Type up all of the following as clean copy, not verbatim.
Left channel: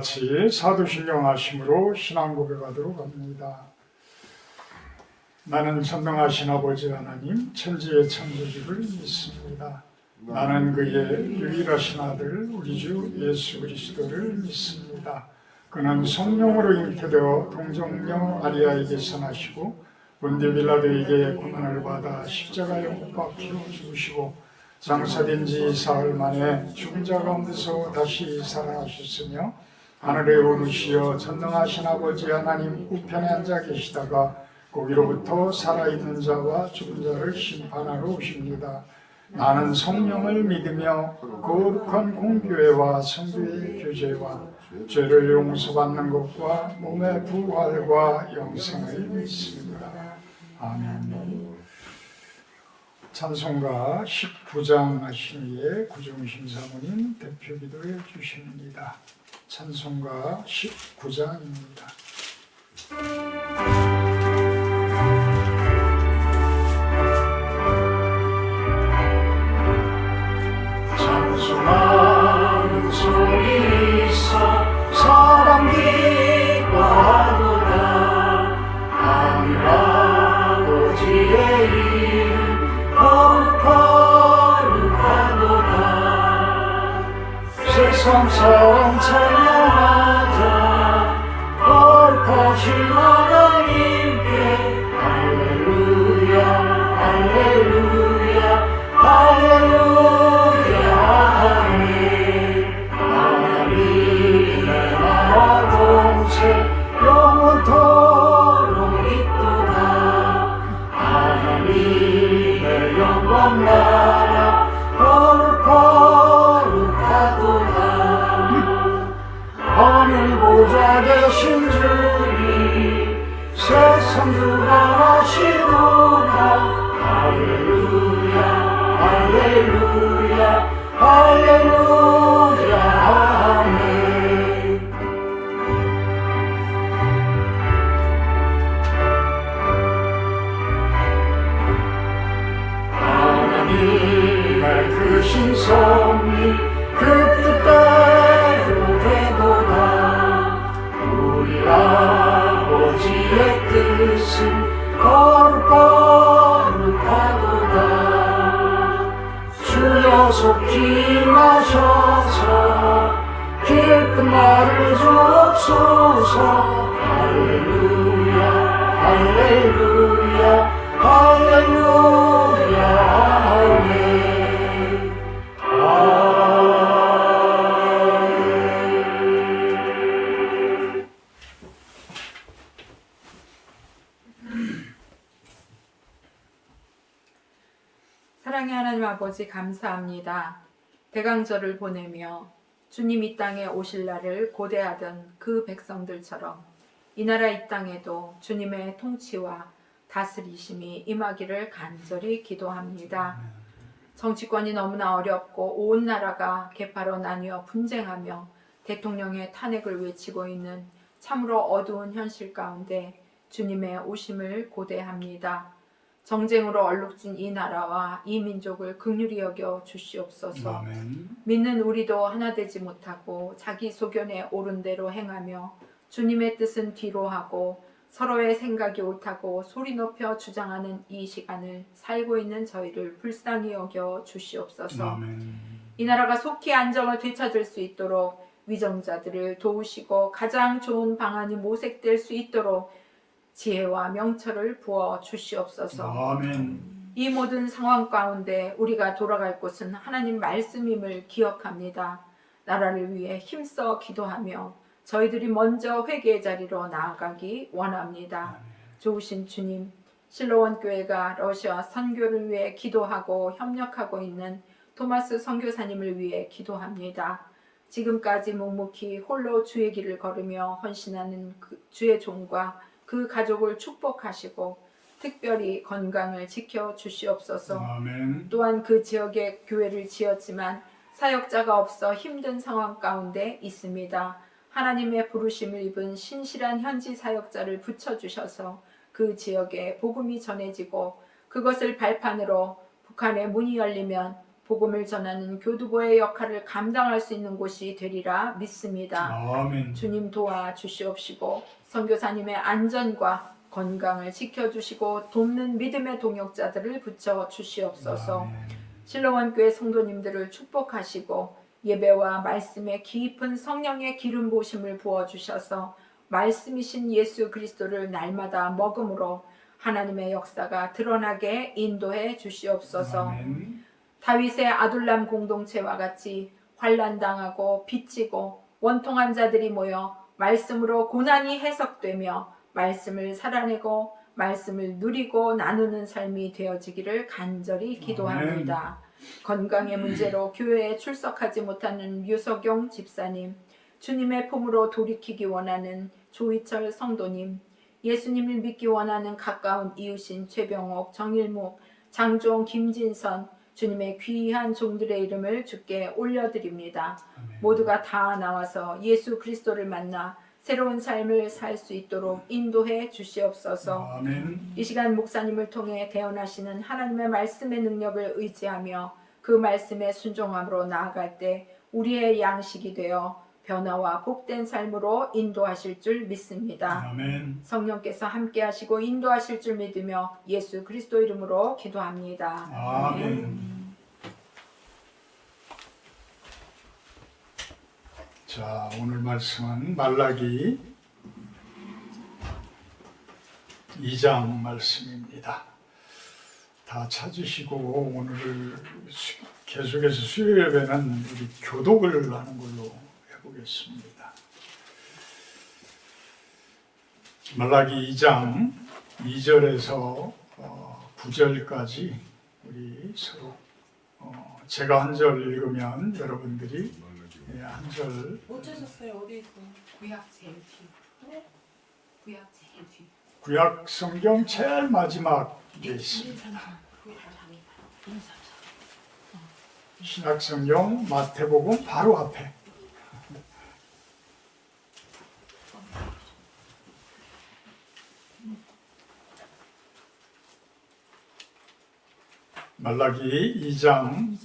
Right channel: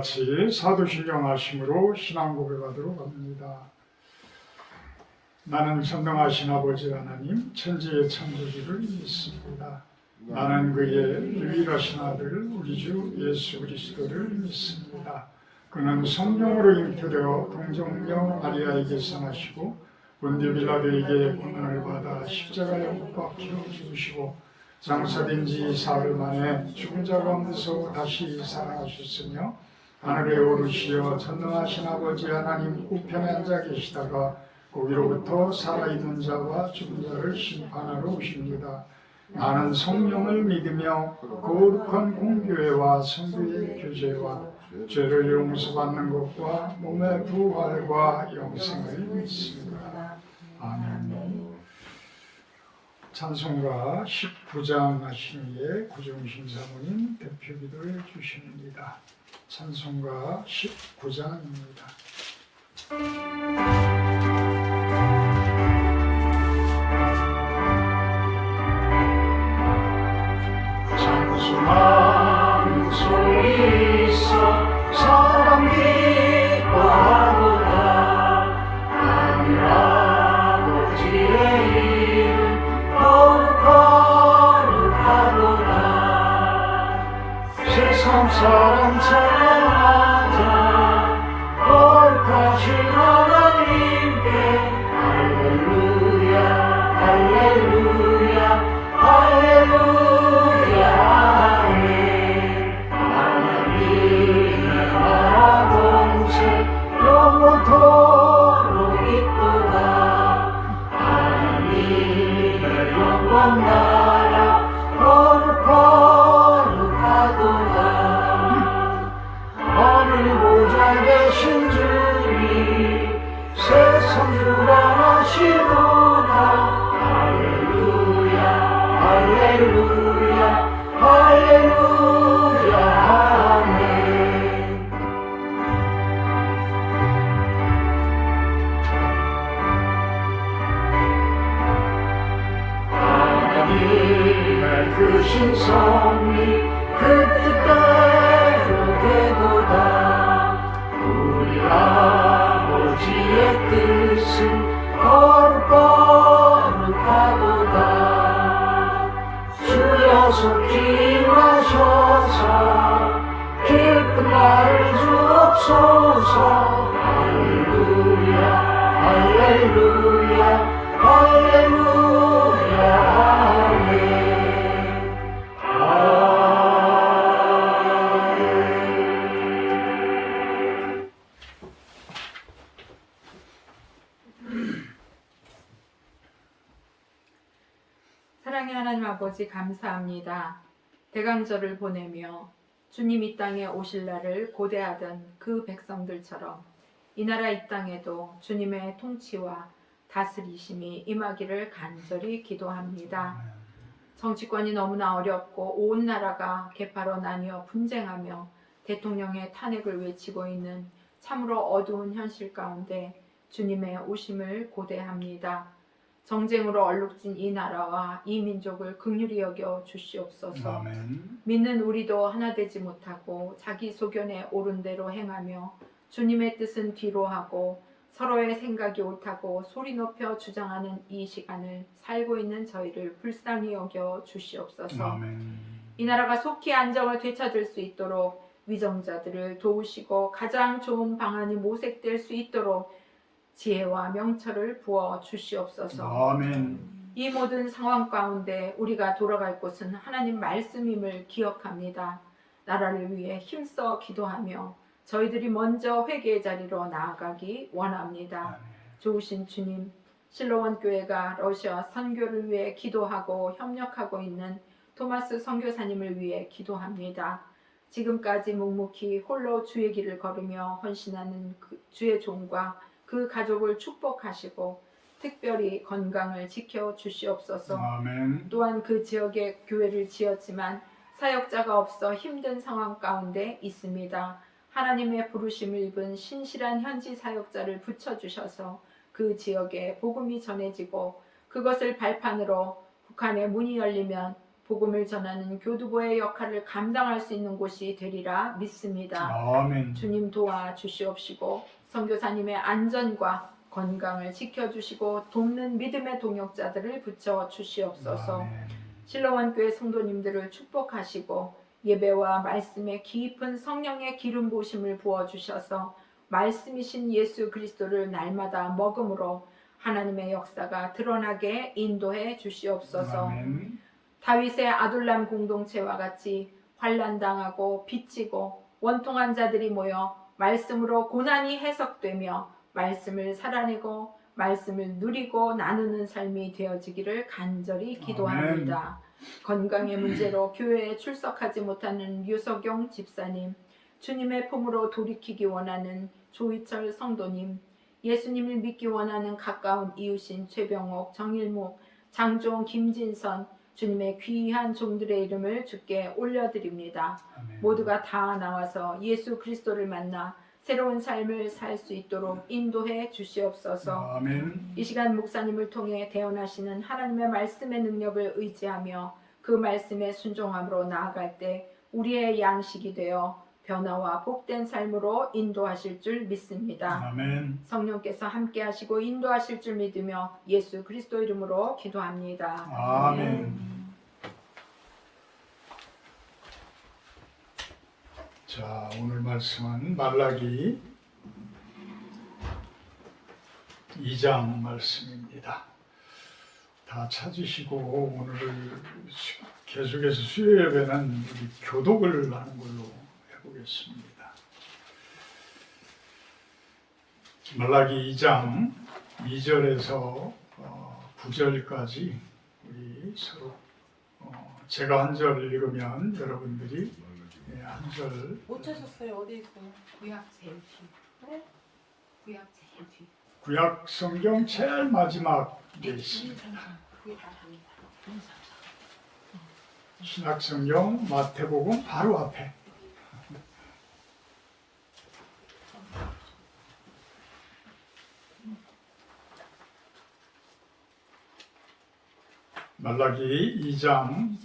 같이 사도신경 하심으로 신앙 고백하도록 합니다. 나는 전능하신 아버지 하나님 천지의 창조주를 믿습니다. 나는 그의 유일하신 아들 우리 주 예수 그리스도를 믿습니다. 그는 성령으로 잉태되어 동정녀 마리아에게서 나시고 본디오 빌라도에게 고난을 받아 십자가에 못 박혀 죽으시고 장사된 지 사흘 만에 죽은 자 가운데서 다시 살아나셨으며 하늘에 오르시어 전능하신 아버지 하나님 우편에 앉아 계시다가 거기로부터 살아있는 자와 죽은 자를 심판하러 오십니다. 나는 성령을 믿으며 거룩한 공교회와 성도의 교제와 죄를 용서받는 것과 몸의 부활과 영생을 믿습니다. 아멘. 찬송가 19장 하신 이에 구종신 사모님 대표 기도해 주십니다. 찬송가 19장입니다. 찬송하는 소리 있어 사랑 기뻐 참 사랑 찬양하자 거룩하신 하나님께 할렐루야 할렐루야 할렐루야 아멘. 하나님의 나라 공세 영원토록 있도다. 하나님의 영원 나라 거룩하도다. 하늘 보좌 되신 주님 세상 주관하시도다. 할렐루야 할렐루야 할렐루야 아멘. 하나님의 크신 섭리 그 뜻대로 되도다. 우리 아버지의 뜻은 거룩하도다. 주여 속히 임하셔서 기쁜 날을 주옵소서. 할렐루야 할렐루야 할렐루야 아멘. 사랑의 하나님 아버지 감사합니다. 대강절을 보내며 주님 이 땅에 오실 날을 고대하던 그 백성들처럼 이 나라 이 땅에도 주님의 통치와 다스리심이 임하기를 간절히 기도합니다. 정치권이 너무나 어렵고 온 나라가 개파로 나뉘어 분쟁하며 대통령의 탄핵을 외치고 있는 참으로 어두운 현실 가운데 주님의 오심을 고대합니다. 정쟁으로 얼룩진 이 나라와 이 민족을 긍휼히 여겨 주시옵소서. 아멘. 믿는 우리도 하나 되지 못하고 자기 소견에 옳은 대로 행하며 주님의 뜻은 뒤로 하고 서로의 생각이 옳다고 소리 높여 주장하는 이 시간을 살고 있는 저희를 불쌍히 여겨 주시옵소서. 아멘. 이 나라가 속히 안정을 되찾을 수 있도록 위정자들을 도우시고 가장 좋은 방안이 모색될 수 있도록 지혜와 명철을 부어 주시옵소서. 아멘. 이 모든 상황 가운데 우리가 돌아갈 곳은 하나님 말씀임을 기억합니다. 나라를 위해 힘써 기도하며 저희들이 먼저 회개의 자리로 나아가기 원합니다. 좋으신 주님, 실로원 교회가 러시아 선교를 위해 기도하고 협력하고 있는 토마스 선교사님을 위해 기도합니다. 지금까지 묵묵히 홀로 주의 길을 걸으며 헌신하는 주의 종과 그 가족을 축복하시고 특별히 건강을 지켜 주시옵소서. 아멘. 또한 그 지역에 교회를 지었지만 사역자가 없어 힘든 상황 가운데 있습니다. 하나님의 부르심을 입은 신실한 현지 사역자를 붙여주셔서 그 지역에 복음이 전해지고 그것을 발판으로 북한의 문이 열리면 복음을 전하는 교두보의 역할을 감당할 수 있는 곳이 되리라 믿습니다. 아멘. 주님 도와주시옵시고 선교사님의 안전과 건강을 지켜주시고 돕는 믿음의 동역자들을 붙여주시옵소서. 실로원 교회 성도님들을 축복하시고 예배와 말씀에 깊은 성령의 기름 부으심을 부어주셔서 말씀이신 예수 그리스도를 날마다 먹음으로 하나님의 역사가 드러나게 인도해 주시옵소서. 아멘. 다윗의 아둘람 공동체와 같이 환난당하고 빚지고 원통한 자들이 모여 말씀으로 고난이 해석되며 말씀을 살아내고 말씀을 누리고 나누는 삶이 되어지기를 간절히 기도합니다. 건강의 문제로 교회에 출석하지 못하는 유석용 집사님, 주님의 품으로 돌이키기 원하는 조희철 성도님, 예수님을 믿기 원하는 가까운 이웃인 최병옥, 정일목, 장종, 김진선, 주님의 귀한 종들의 이름을 주께 올려드립니다. 모두가 다 나와서 예수 그리스도를 만나 새로운 삶을 살 수 있도록 인도해 주시옵소서. 아멘. 이 시간 목사님을 통해 대언하시는 하나님의 말씀의 능력을 의지하며 그 말씀에 순종함으로 나아갈 때 우리의 양식이 되어 변화와 복된 삶으로 인도하실 줄 믿습니다. 아멘. 성령께서 함께 하시고 인도하실 줄 믿으며 예수 그리스도 이름으로 기도합니다. 아멘. 자, 오늘 말씀은 말라기 2장 말씀입니다. 다 찾으시고 오늘 계속해서 수요 예배는 우리 교독을 하는 걸로 해보겠습니다. 말라기 2장 2절에서 9절까지 우리 서로 제가 한 절 읽으면 여러분들이 한 절. 못 찾았어요. 어디 있어요? 구약 제일 뒤. 그래? 구약 제일 뒤. 구약 성경 제일 마지막에 있습니다. 신약 성경 마태복음 바로 앞에. 말라기 2장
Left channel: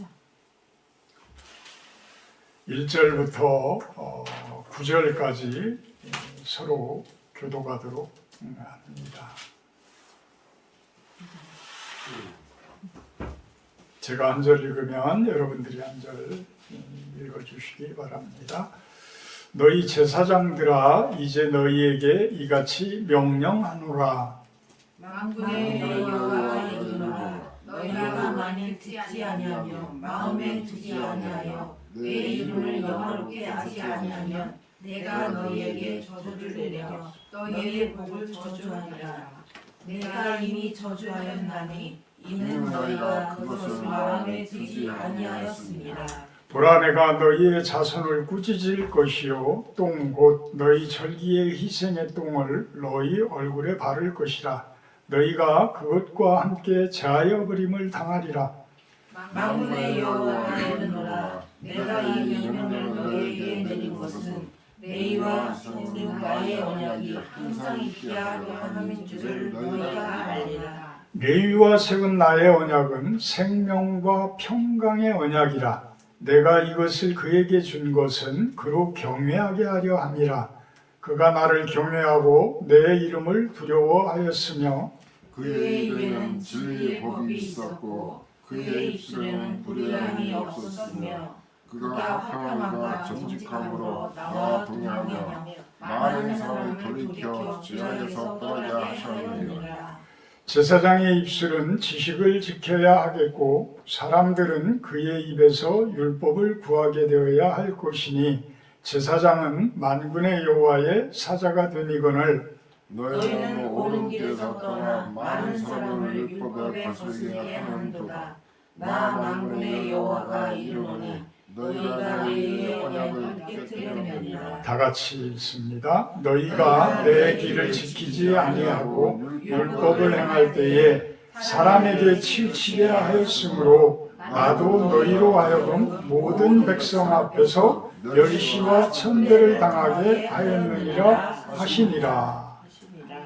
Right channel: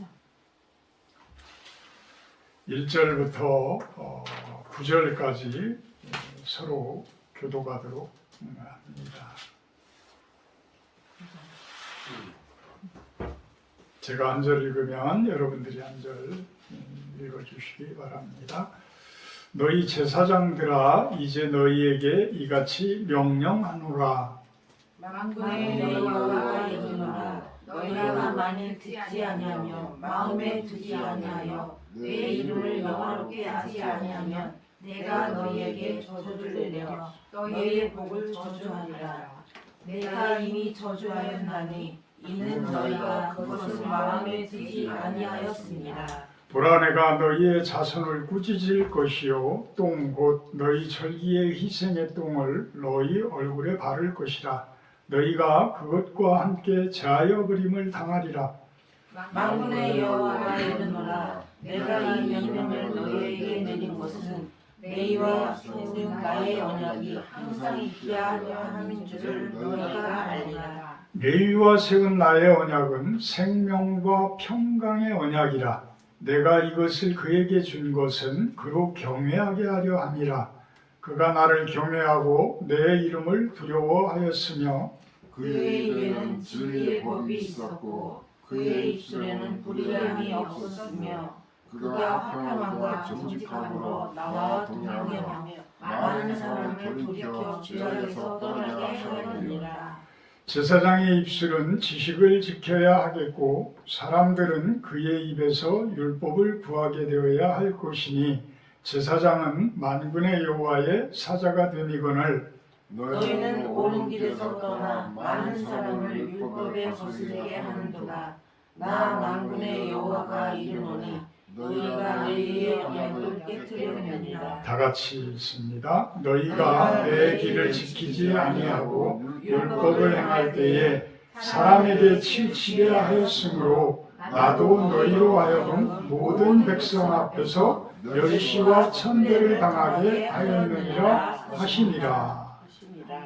1절부터 9절까지 서로 교독하도록 합니다. 제가 한 절 읽으면 여러분들이 한 절 읽어주시기 바랍니다. 너희 제사장들아 이제 너희에게 이같이 명령하노라. 만군의 여호와가 이르노라. 너희가 만일 듣지 아니하며 마음에 두지 아니하여 내 이름을 영화롭게 하지 아니하면 내가 너희에게 저주를 내려 너희의 복을 저주하리라. 내가 이미 저주하였나니 이는 너희가 그것을 마음에 두지 아니하였습니다. 보라 내가 너희의 자손을 꾸짖을 것이요 똥 곧 너희 절기의 희생의 똥을 너희 얼굴에 바를 것이라. 너희가 그것과 함께 제하여 버림을 당하리라. 만군의 여호와가 이르노라. 내가 이 명령을 너희에게 내린 것은 너희와 세운 나의 언약이 항상 있게 하려 함인 줄을 너희가 알리라. 레위와 세운 나의 언약은 생명과 평강의 언약이라. 내가 이것을 그에게 준 것은 그로 경외하게 하려 함이라. 그가 나를 경외하고 내 이름을 두려워하였으며 그의 입에는 진리의 법이 있었고 그의 입술에는 불의함이 없었으며 그가 화평함과 정직함으로 나와 동행하며 많은 사람을 돌이켜 죄악에서 떠나게 하였느니라. 제사장의 입술은 지식을 지켜야 하겠고 사람들은 그의 입에서 율법을 구하게 되어야 할 것이니 제사장은 만군의 여호와의 사자가 됨이거늘. 너희는 옳은 길에서 떠나 많은 사람을 율법에 거스르게 하는도다. 나 만군의 여호와가 이르노니 너희가 너희의 언약을 깨뜨렸느니라. 다 같이 읽습니다. 너희가 내 길을 지키지 아니하고 율법을 행할 때에 사람에게 치우치게 하였으므로 나도 너희로 하여금 모든 백성 앞에서 멸시와 천대를 당하게 하였느니라 하시니라.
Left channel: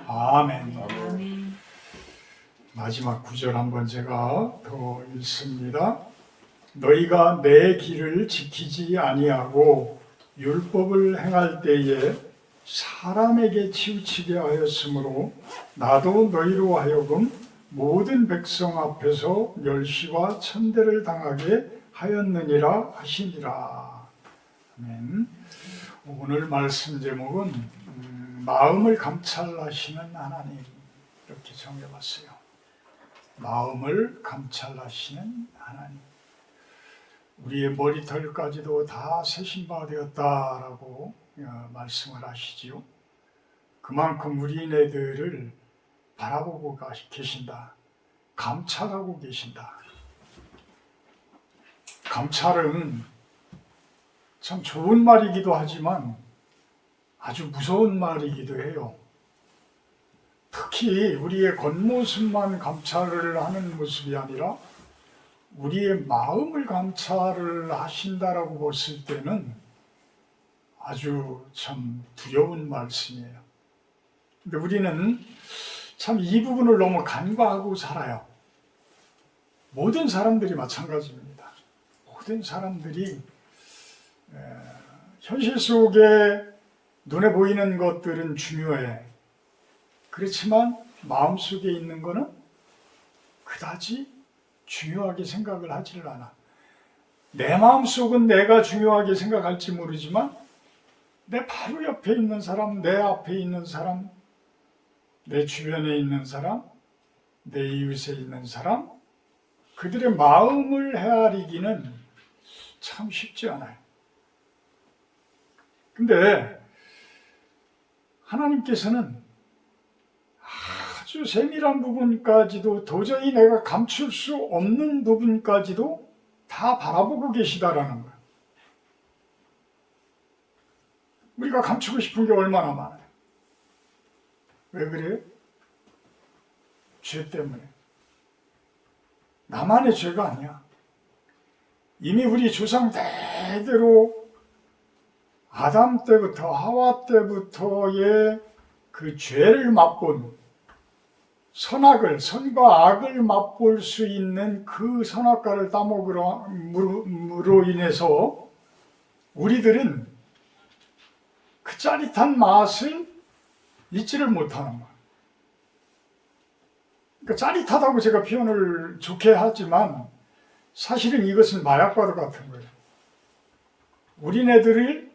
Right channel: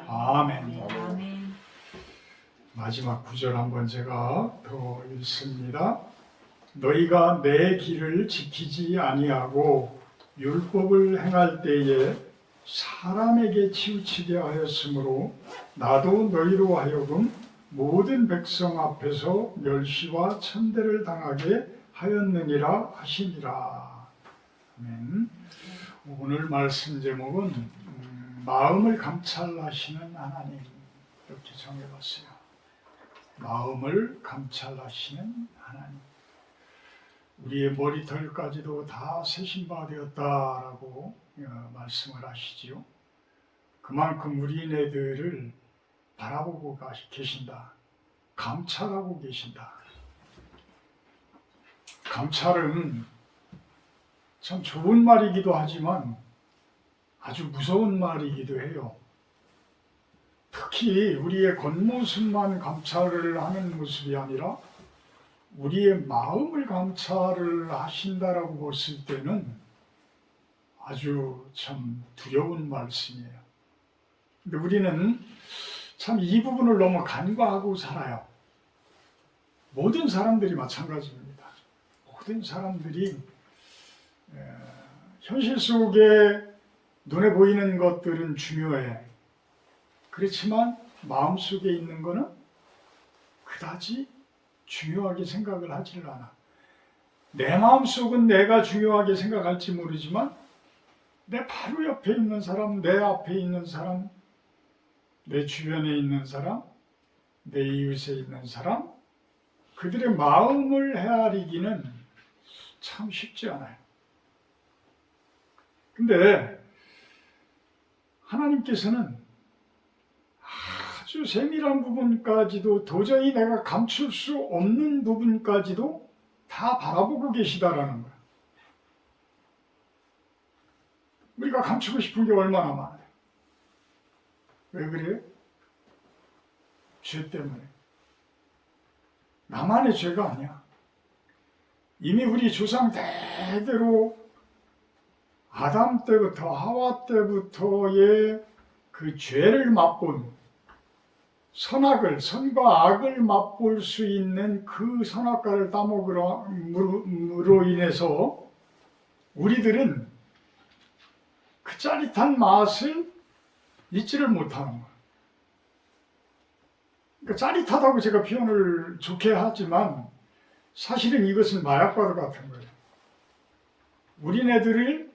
아멘. 아멘. 마지막 구절 한번 제가 더 읽습니다. 너희가 내 길을 지키지 아니하고 율법을 행할 때에 사람에게 치우치게 하였으므로 나도 너희로 하여금 모든 백성 앞에서 멸시와 천대를 당하게 하였느니라 하시니라. 아멘. 오늘 말씀 제목은 마음을 감찰하시는 하나님, 이렇게 정해봤어요. 마음을 감찰하시는 하나님. 우리의 머리털까지도 다 세신 바 되었다라고 말씀을 하시지요. 그만큼 우리네들을 바라보고 계신다. 감찰하고 계신다. 감찰은 참 좋은 말이기도 하지만 아주 무서운 말이기도 해요. 특히 우리의 겉모습만 감찰을 하는 모습이 아니라 우리의 마음을 감찰을 하신다라고 봤을 때는 아주 참 두려운 말씀이에요. 근데 우리는 참 이 부분을 너무 간과하고 살아요. 모든 사람들이 마찬가지입니다. 모든 사람들이 현실 속에 눈에 보이는 것들은 중요해. 그렇지만 마음속에 있는 거는 그다지 중요하게 생각을 하지를 않아. 내 마음속은 내가 중요하게 생각할지 모르지만 내 바로 옆에 있는 사람, 내 앞에 있는 사람, 내 주변에 있는 사람, 내 이웃에 있는 사람, 그들의 마음을 헤아리기는 참 쉽지 않아요. 근데 하나님께서는 아주 세밀한 부분까지도 도저히 내가 감출 수 없는 부분까지도 다 바라보고 계시다라는 거예요. 우리가 감추고 싶은 게 얼마나 많아요. 왜 그래요? 죄 때문에. 나만의 죄가 아니야. 이미 우리 조상 대대로 아담 때부터 하와 때부터의 그 죄를 맛본 선과 악을 맛볼 수 있는 그 선악과를 따먹으로 인해서 우리들은 그 짜릿한 맛을 잊지를 못하는 거예요. 그러니까 짜릿하다고 제가 표현을 좋게 하지만 사실은 이것은 마약과도 같은 거예요. 우리네들을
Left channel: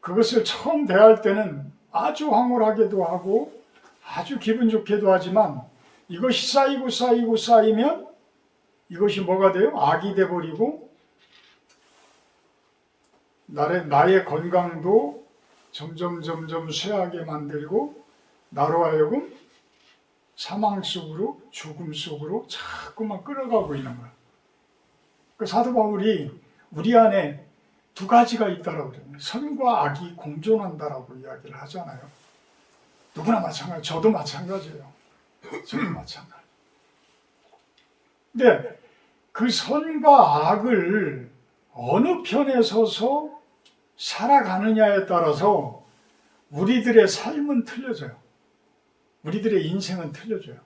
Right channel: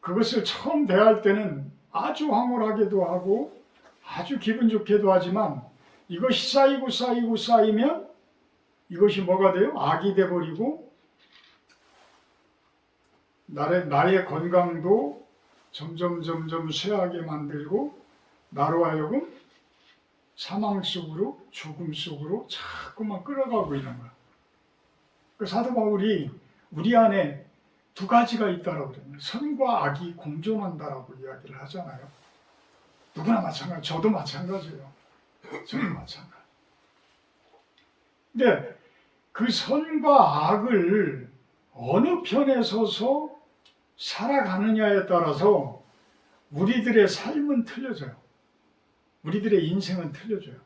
그것을 처음 대할 때는 아주 황홀하게도 하고 아주 기분 좋게도 하지만 이것이 쌓이면 이것이 뭐가 돼요? 악이 돼버리고 나의 건강도 점점 쇠하게 만들고 나로 하여금 사망 속으로 죽음 속으로 자꾸만 끌어가고 있는 거야. 그 사도 바울이 우리 안에 두 가지가 있다라고 그래요. 선과 악이 공존한다라고 이야기를 하잖아요. 누구나 마찬가지, 저도 마찬가지예요. 저도 마찬가지. 근데 그 선과 악을 어느 편에 서서 살아가느냐에 따라서 우리들의 삶은 틀려져요. 우리들의 인생은 틀려져요.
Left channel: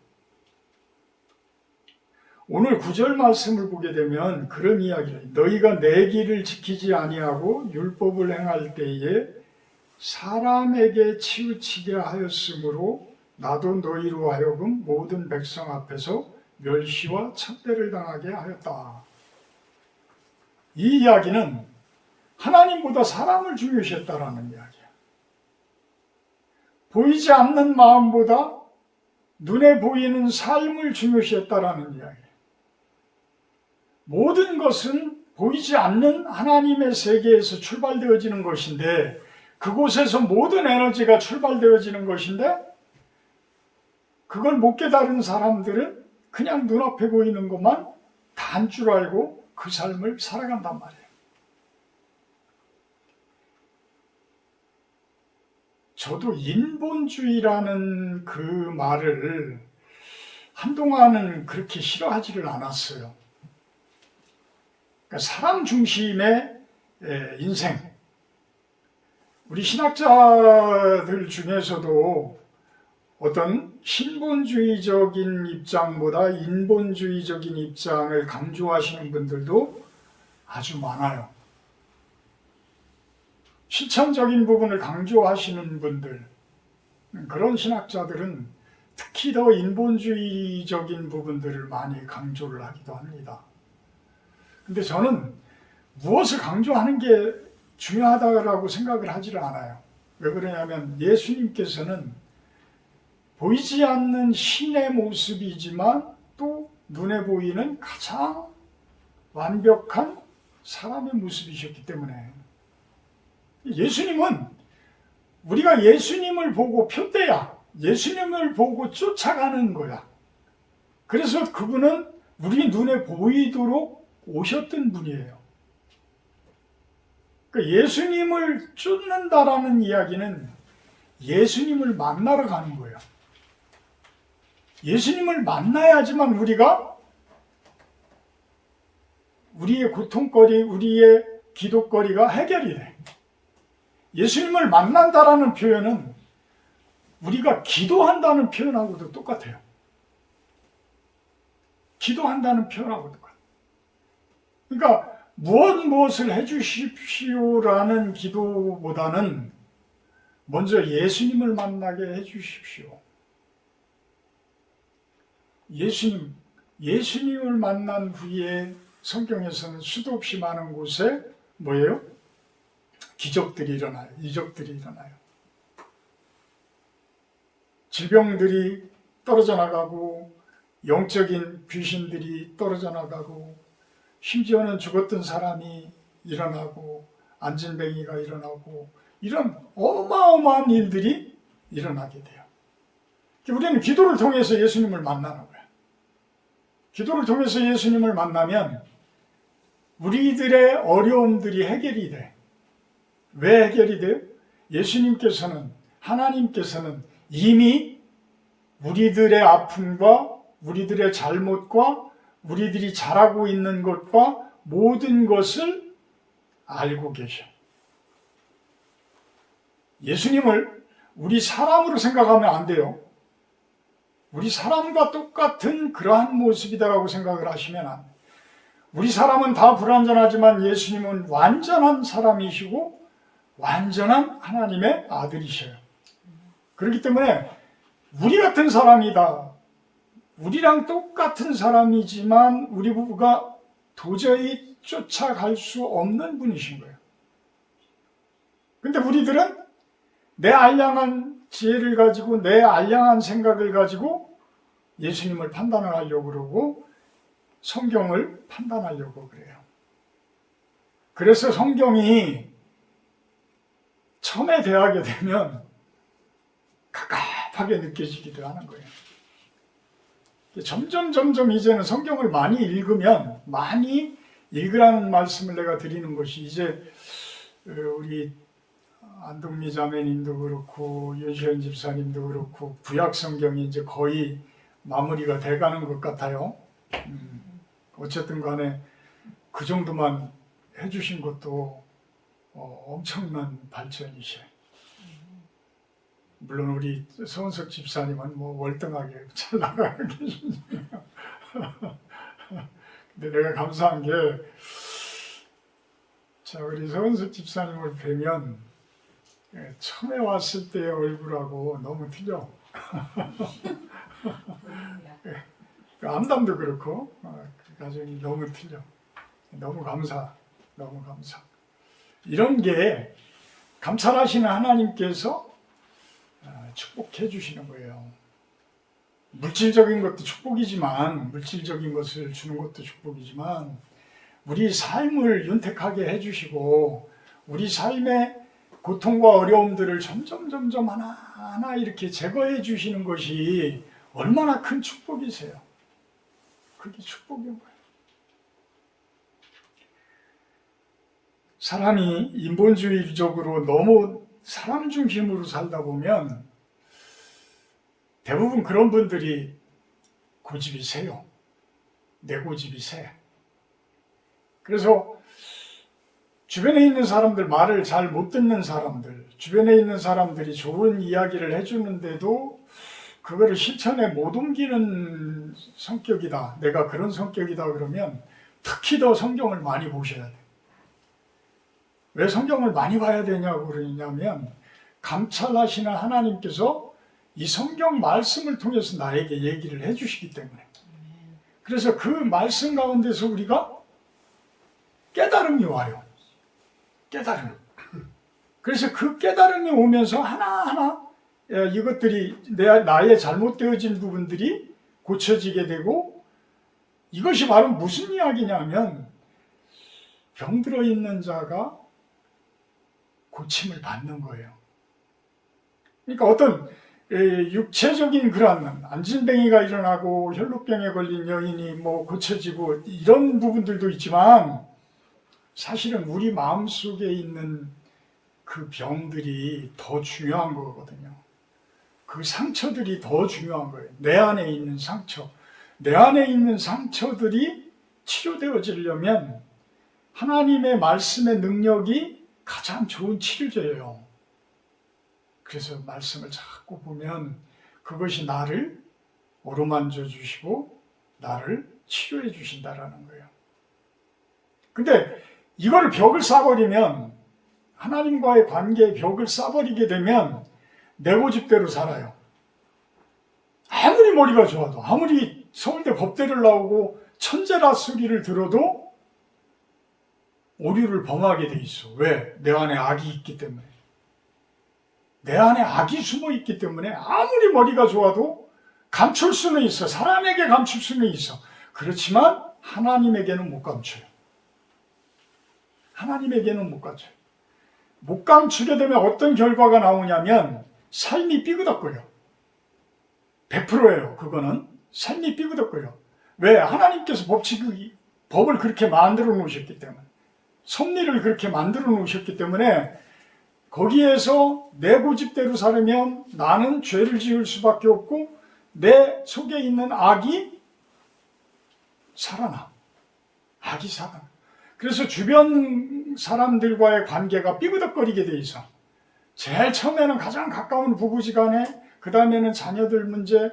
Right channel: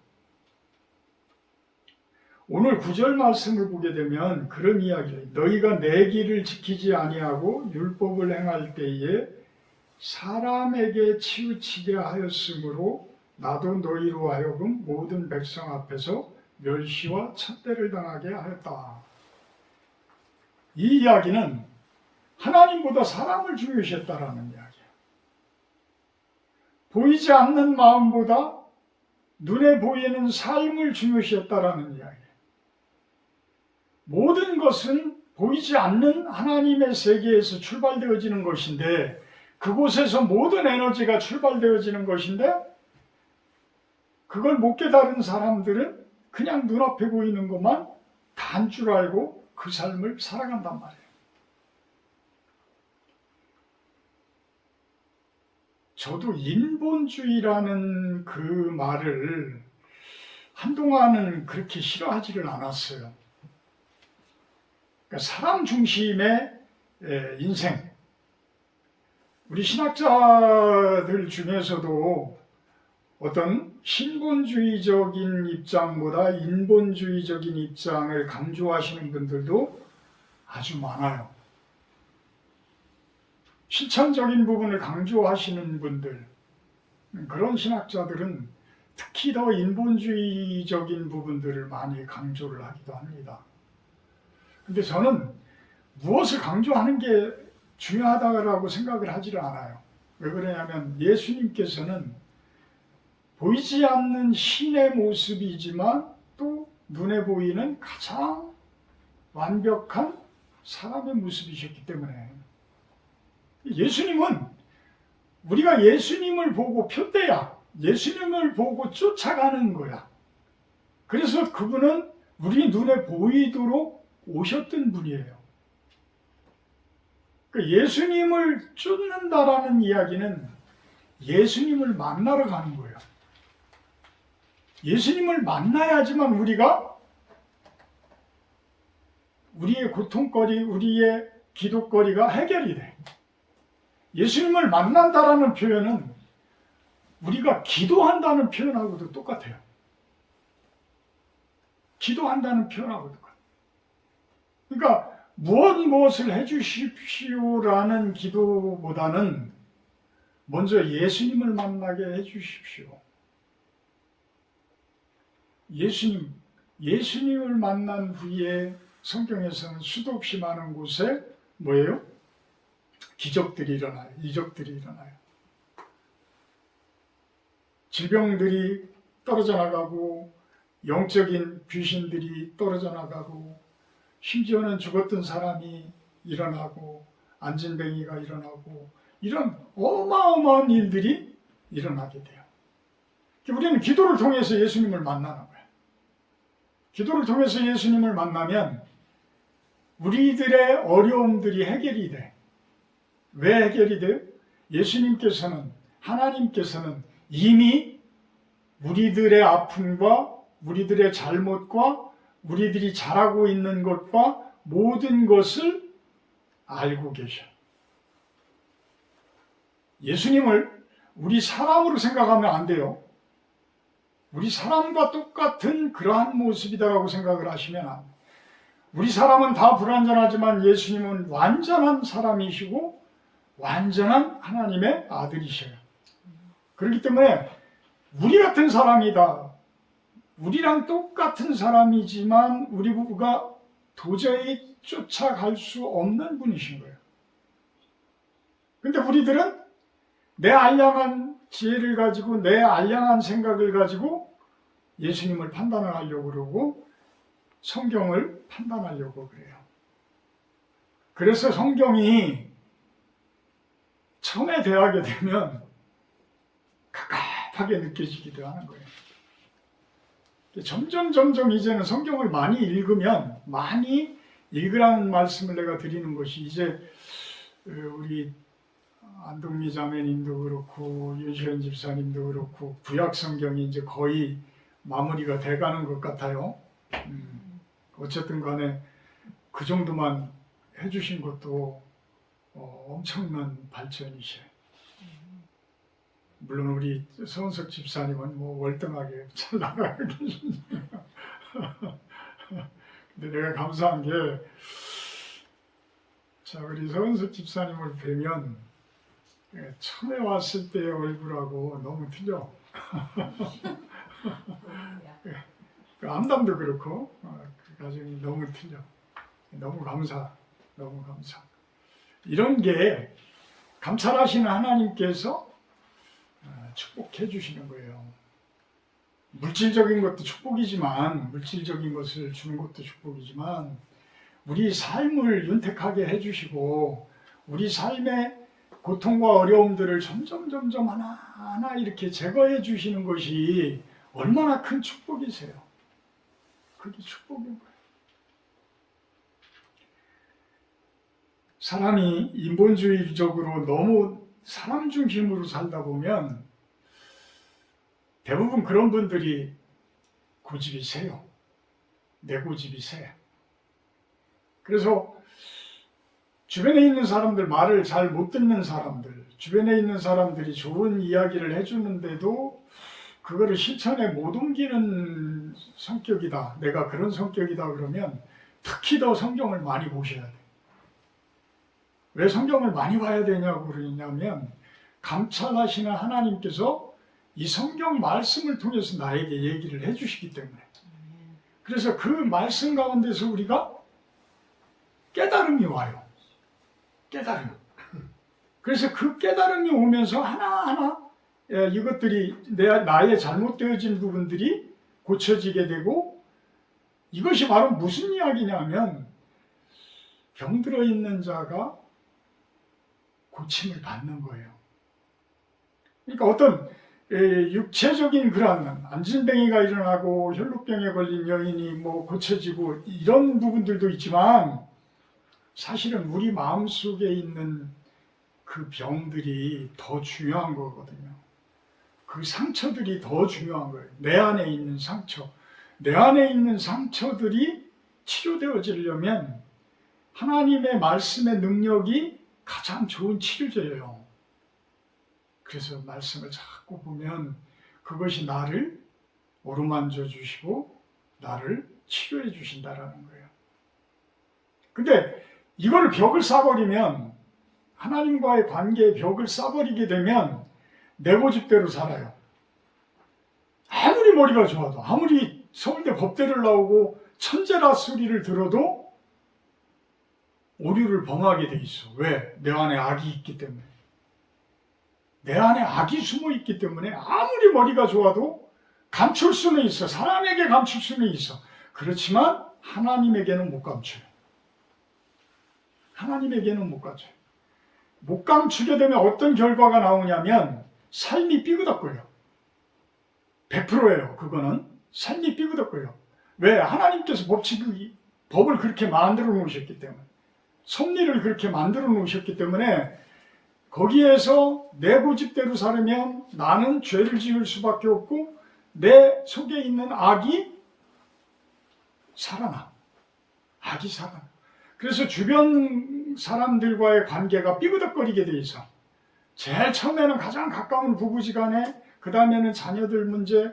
오늘 9절 말씀을 보게 되면 그런 이야기를 너희가 내 길을 지키지 아니하고 율법을 행할 때에 사람에게 치우치게 하였으므로 나도 너희로 하여금 모든 백성 앞에서 멸시와 천대를 당하게 하였다. 이 이야기는 하나님보다 사람을 중요시했다라는 이야기예요. 보이지 않는 마음보다 눈에 보이는 삶을 중요시했다라는 이야기예요. 모든 것은 보이지 않는 하나님의 세계에서 출발되어지는 것인데 그곳에서 모든 에너지가 출발되어지는 것인데 그걸 못 깨달은 사람들은 그냥 눈앞에 보이는 것만 단 줄 알고 그 삶을 살아간단 말이에요. 저도 인본주의라는 그 말을 한동안은 그렇게 싫어하지를 않았어요. 그러니까 사람 중심의 인생. 우리 신학자들 중에서도 어떤 신본주의적인 입장보다 인본주의적인 입장을 강조하시는 분들도 아주 많아요. 실천적인 부분을 강조하시는 분들, 그런 신학자들은 특히 더 인본주의적인 부분들을 많이 강조를 하기도 합니다. 근데 저는 무엇을 강조하는 게 중요하다고 생각을 하지를 않아요. 왜 그러냐면 예수님께서는 보이지 않는 신의 모습이지만 또 눈에 보이는 가장 완벽한 사람의 모습이셨기 때문에 예수님은 우리가 예수님을 보고 표대야 예수님을 보고 쫓아가는 거야. 그래서 그분은 우리 눈에 보이도록 오셨던 분이에요. 그러니까 예수님을 쫓는다라는 이야기는 예수님을 만나러 가는 거예요. 예수님을 만나야지만 우리가 우리의 고통거리, 우리의 기도거리가 해결이 돼. 예수님을 만난다라는 표현은 우리가 기도한다는 표현하고도 똑같아요. 기도한다는 표현하고 똑같아요. 그러니까 무엇을 해주십시오라는 기도보다는 먼저 예수님을 만나게 해주십시오. 예수님을 만난 후에 성경에서는 수도 없이 많은 곳에 뭐예요? 기적들이 일어나요. 이적들이 일어나요. 질병들이 떨어져 나가고 영적인 귀신들이 떨어져 나가고 심지어는 죽었던 사람이 일어나고 안진뱅이가 일어나고 이런 어마어마한 일들이 일어나게 돼요. 우리는 기도를 통해서 예수님을 만나는 거예요. 기도를 통해서 예수님을 만나면 우리들의 어려움들이 해결이 돼. 왜 해결이 돼요? 예수님께서는, 하나님께서는 이미 우리들의 아픔과 우리들의 잘못과 우리들이 잘하고 있는 것과 모든 것을 알고 계셔. 예수님을 우리 사람으로 생각하면 안 돼요. 우리 사람과 똑같은 그러한 모습이다라고 생각을 하시면 안 돼요. 우리 사람은 다 불완전하지만 예수님은 완전한 사람이시고 완전한 하나님의 아들이셔요. 그렇기 때문에 우리 같은 사람이다. 우리랑 똑같은 사람이지만 우리 부부가 도저히 쫓아갈 수 없는 분이신 거예요. 근데 우리들은 내 알량한 지혜를 가지고 내 알량한 생각을 가지고 예수님을 판단을 하려고 그러고 성경을 판단하려고 그래요. 그래서 성경이 처음에 대하게 되면 갑갑하게 느껴지기도 하는 거예요. 점점 이제는 성경을 많이 읽으면 많이 읽으라는 말씀을 내가 드리는 것이 이제 우리 안동미 자매님도 그렇고 요시현 집사님도 그렇고 구약 성경이 이제 거의 마무리가 돼가는 것 같아요. 어쨌든 간에 그 정도만 해주신 것도 엄청난 발전이셔. 물론 우리 서은석 집사님은 뭐 월등하게 잘 나가고 계십니다. 근데 내가 감사한 게, 자, 우리 서은석 집사님을 뵈면 처음에 왔을 때의 얼굴하고 너무 틀려. 그 암담도 그렇고 그 가정이 너무 틀려. 너무 감사. 이런 게 감찰하시는 하나님께서 축복해 주시는 거예요. 물질적인 것도 축복이지만, 물질적인 것을 주는 것도 축복이지만 우리 삶을 윤택하게 해주시고 우리 삶의 고통과 어려움들을 점점 하나하나 이렇게 제거해 주시는 것이 얼마나 큰 축복이세요. 그게 축복인 거예요. 사람이 인본주의적으로 너무 사람 중심으로 살다 보면 대부분 그런 분들이 고집이 세요. 내 고집이 세. 그래서 주변에 있는 사람들, 말을 잘 못 듣는 사람들, 주변에 있는 사람들이 좋은 이야기를 해주는데도 그거를 실천에 못 옮기는 성격이다. 내가 그런 성격이다 그러면 특히 더 성경을 많이 보셔야 돼. 왜 성경을 많이 봐야 되냐고 그러냐면 감찰하시는 하나님께서 이 성경 말씀을 통해서 나에게 얘기를 해주시기 때문에. 그래서 그 말씀 가운데서 우리가 깨달음이 와요. 깨달음. 그래서 그 깨달음이 오면서 하나하나 이것들이 나의 잘못되어진 부분들이 고쳐지게 되고, 이것이 바로 무슨 이야기냐면 병들어 있는 자가 고침을 받는 거예요. 그러니까 어떤 육체적인 그런 안진뱅이가 일어나고 혈루병에 걸린 여인이 뭐 고쳐지고 이런 부분들도 있지만 사실은 우리 마음속에 있는 그 병들이 더 중요한 거거든요. 그 상처들이 더 중요한 거예요. 내 안에 있는 상처. 내 안에 있는 상처들이 치료되어지려면 하나님의 말씀의 능력이 가장 좋은 치료제예요. 그래서 말씀을 자꾸 보면 그것이 나를 어루만져 주시고 나를 치료해 주신다라는 거예요. 근데 이거를 벽을 쌓아버리면, 하나님과의 관계의 벽을 쌓아버리게 되면 내 고집대로 살아요. 아무리 머리가 좋아도, 아무리 서울대 법대를 나오고 천재라 소리를 들어도 오류를 범하게 돼 있어. 왜? 내 안에 악이 있기 때문에. 내 안에 악이 숨어 있기 때문에 아무리 머리가 좋아도 감출 수는 있어. 사람에게 감출 수는 있어. 그렇지만 하나님에게는 못 감춰요. 하나님에게는 못 감춰요. 못 감추게 되면 어떤 결과가 나오냐면 삶이 삐그덕거려. 100%예요. 그거는 삶이 삐그덕거려. 왜? 하나님께서 법을 그렇게 만들어 놓으셨기 때문에, 섭리를 그렇게 만들어 놓으셨기 때문에 거기에서 내 고집대로 살면 나는 죄를 지을 수밖에 없고 내 속에 있는 악이 살아나. 악이 살아나. 그래서 주변 사람들과의 관계가 삐그덕거리게 돼 있어. 제일 처음에는 가장 가까운 부부지간에, 그 다음에는 자녀들 문제,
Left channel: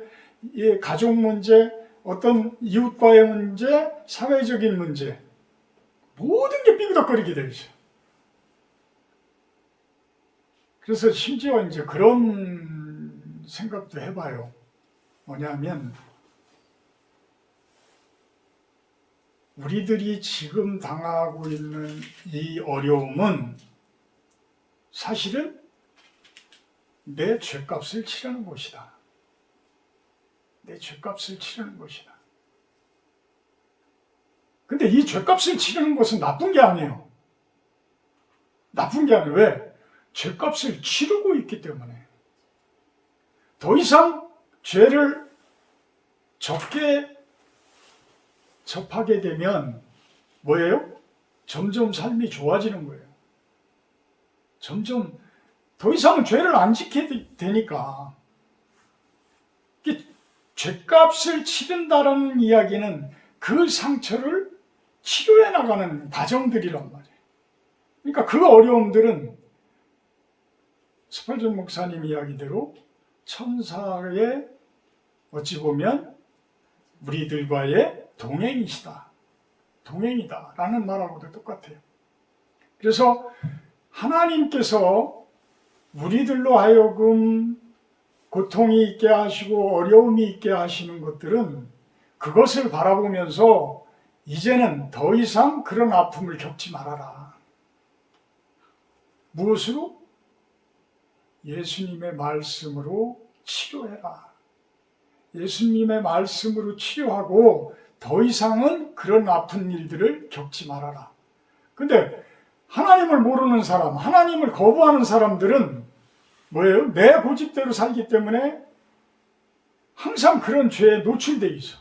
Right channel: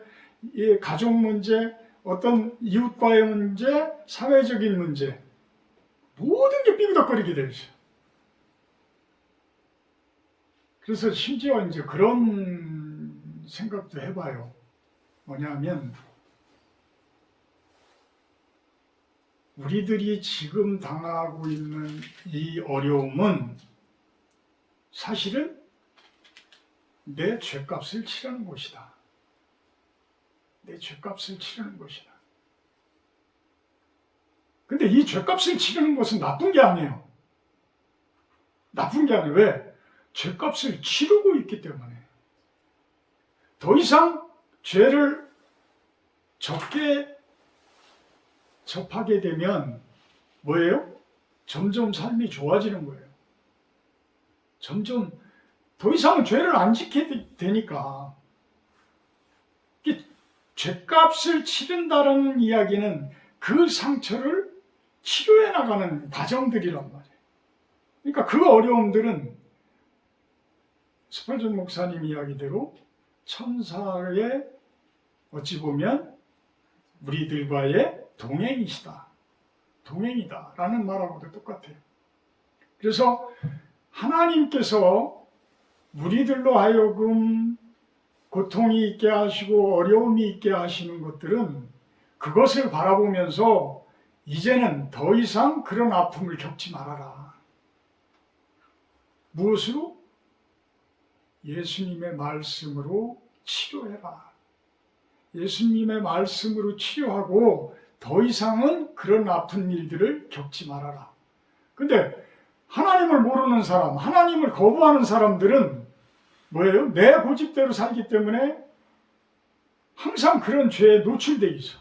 가족 문제, 어떤 이웃과의 문제, 사회적인 문제, 모든 게 삐그덕거리게 돼 있어요. 그래서 심지어 이제 그런 생각도 해봐요. 뭐냐면 우리들이 지금 당하고 있는 이 어려움은 사실은 내 죄값을 치르는 것이다. 내 죄값을 치르는 것이다. 근데 이 죄값을 치르는 것은 나쁜 게 아니에요. 나쁜 게 아니에요. 왜? 죄값을 치르고 있기 때문에. 더 이상 죄를 적게 접하게 되면 뭐예요? 점점 삶이 좋아지는 거예요. 점점 더 이상은 죄를 안 지키게 되니까. 죄값을 치른다는 이야기는 그 상처를 치료해 나가는 과정들이란 말이에요. 그러니까 그 어려움들은 스펄전 목사님 이야기대로 천사의 어찌 보면 우리들과의 동행이시다. 동행이다. 라는 말하고도 똑같아요. 그래서 하나님께서 우리들로 하여금 고통이 있게 하시고 어려움이 있게 하시는 것들은 그것을 바라보면서 이제는 더 이상 그런 아픔을 겪지 말아라. 무엇으로? 예수님의 말씀으로 치료해라. 예수님의 말씀으로 치료하고 더 이상은 그런 아픈 일들을 겪지 말아라. 근데 하나님을 모르는 사람, 하나님을 거부하는 사람들은 뭐예요? 내 고집대로 살기 때문에 항상 그런 죄에 노출되어 있어.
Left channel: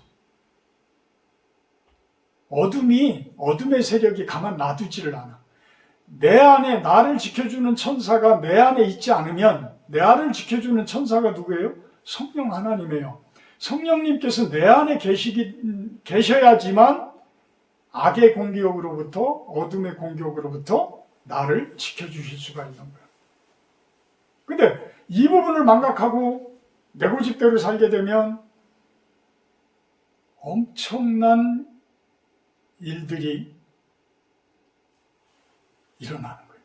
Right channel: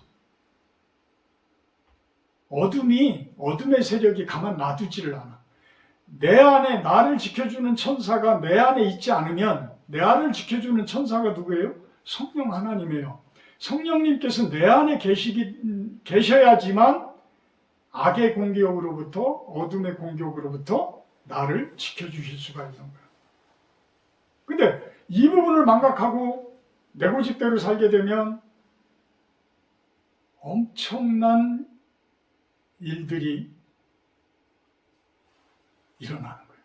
어둠의 세력이 가만 놔두지를 않아. 내 안에 나를 지켜주는 천사가 내 안에 있지 않으면, 내 안을 지켜주는 천사가 누구예요? 성령 하나님이에요. 성령님께서 내 안에 계셔야지만 악의 공격으로부터, 어둠의 공격으로부터 나를 지켜주실 수가 있는 거예요. 근데 이 부분을 망각하고 내 고집대로 살게 되면 엄청난 일들이 일어나는 거예요.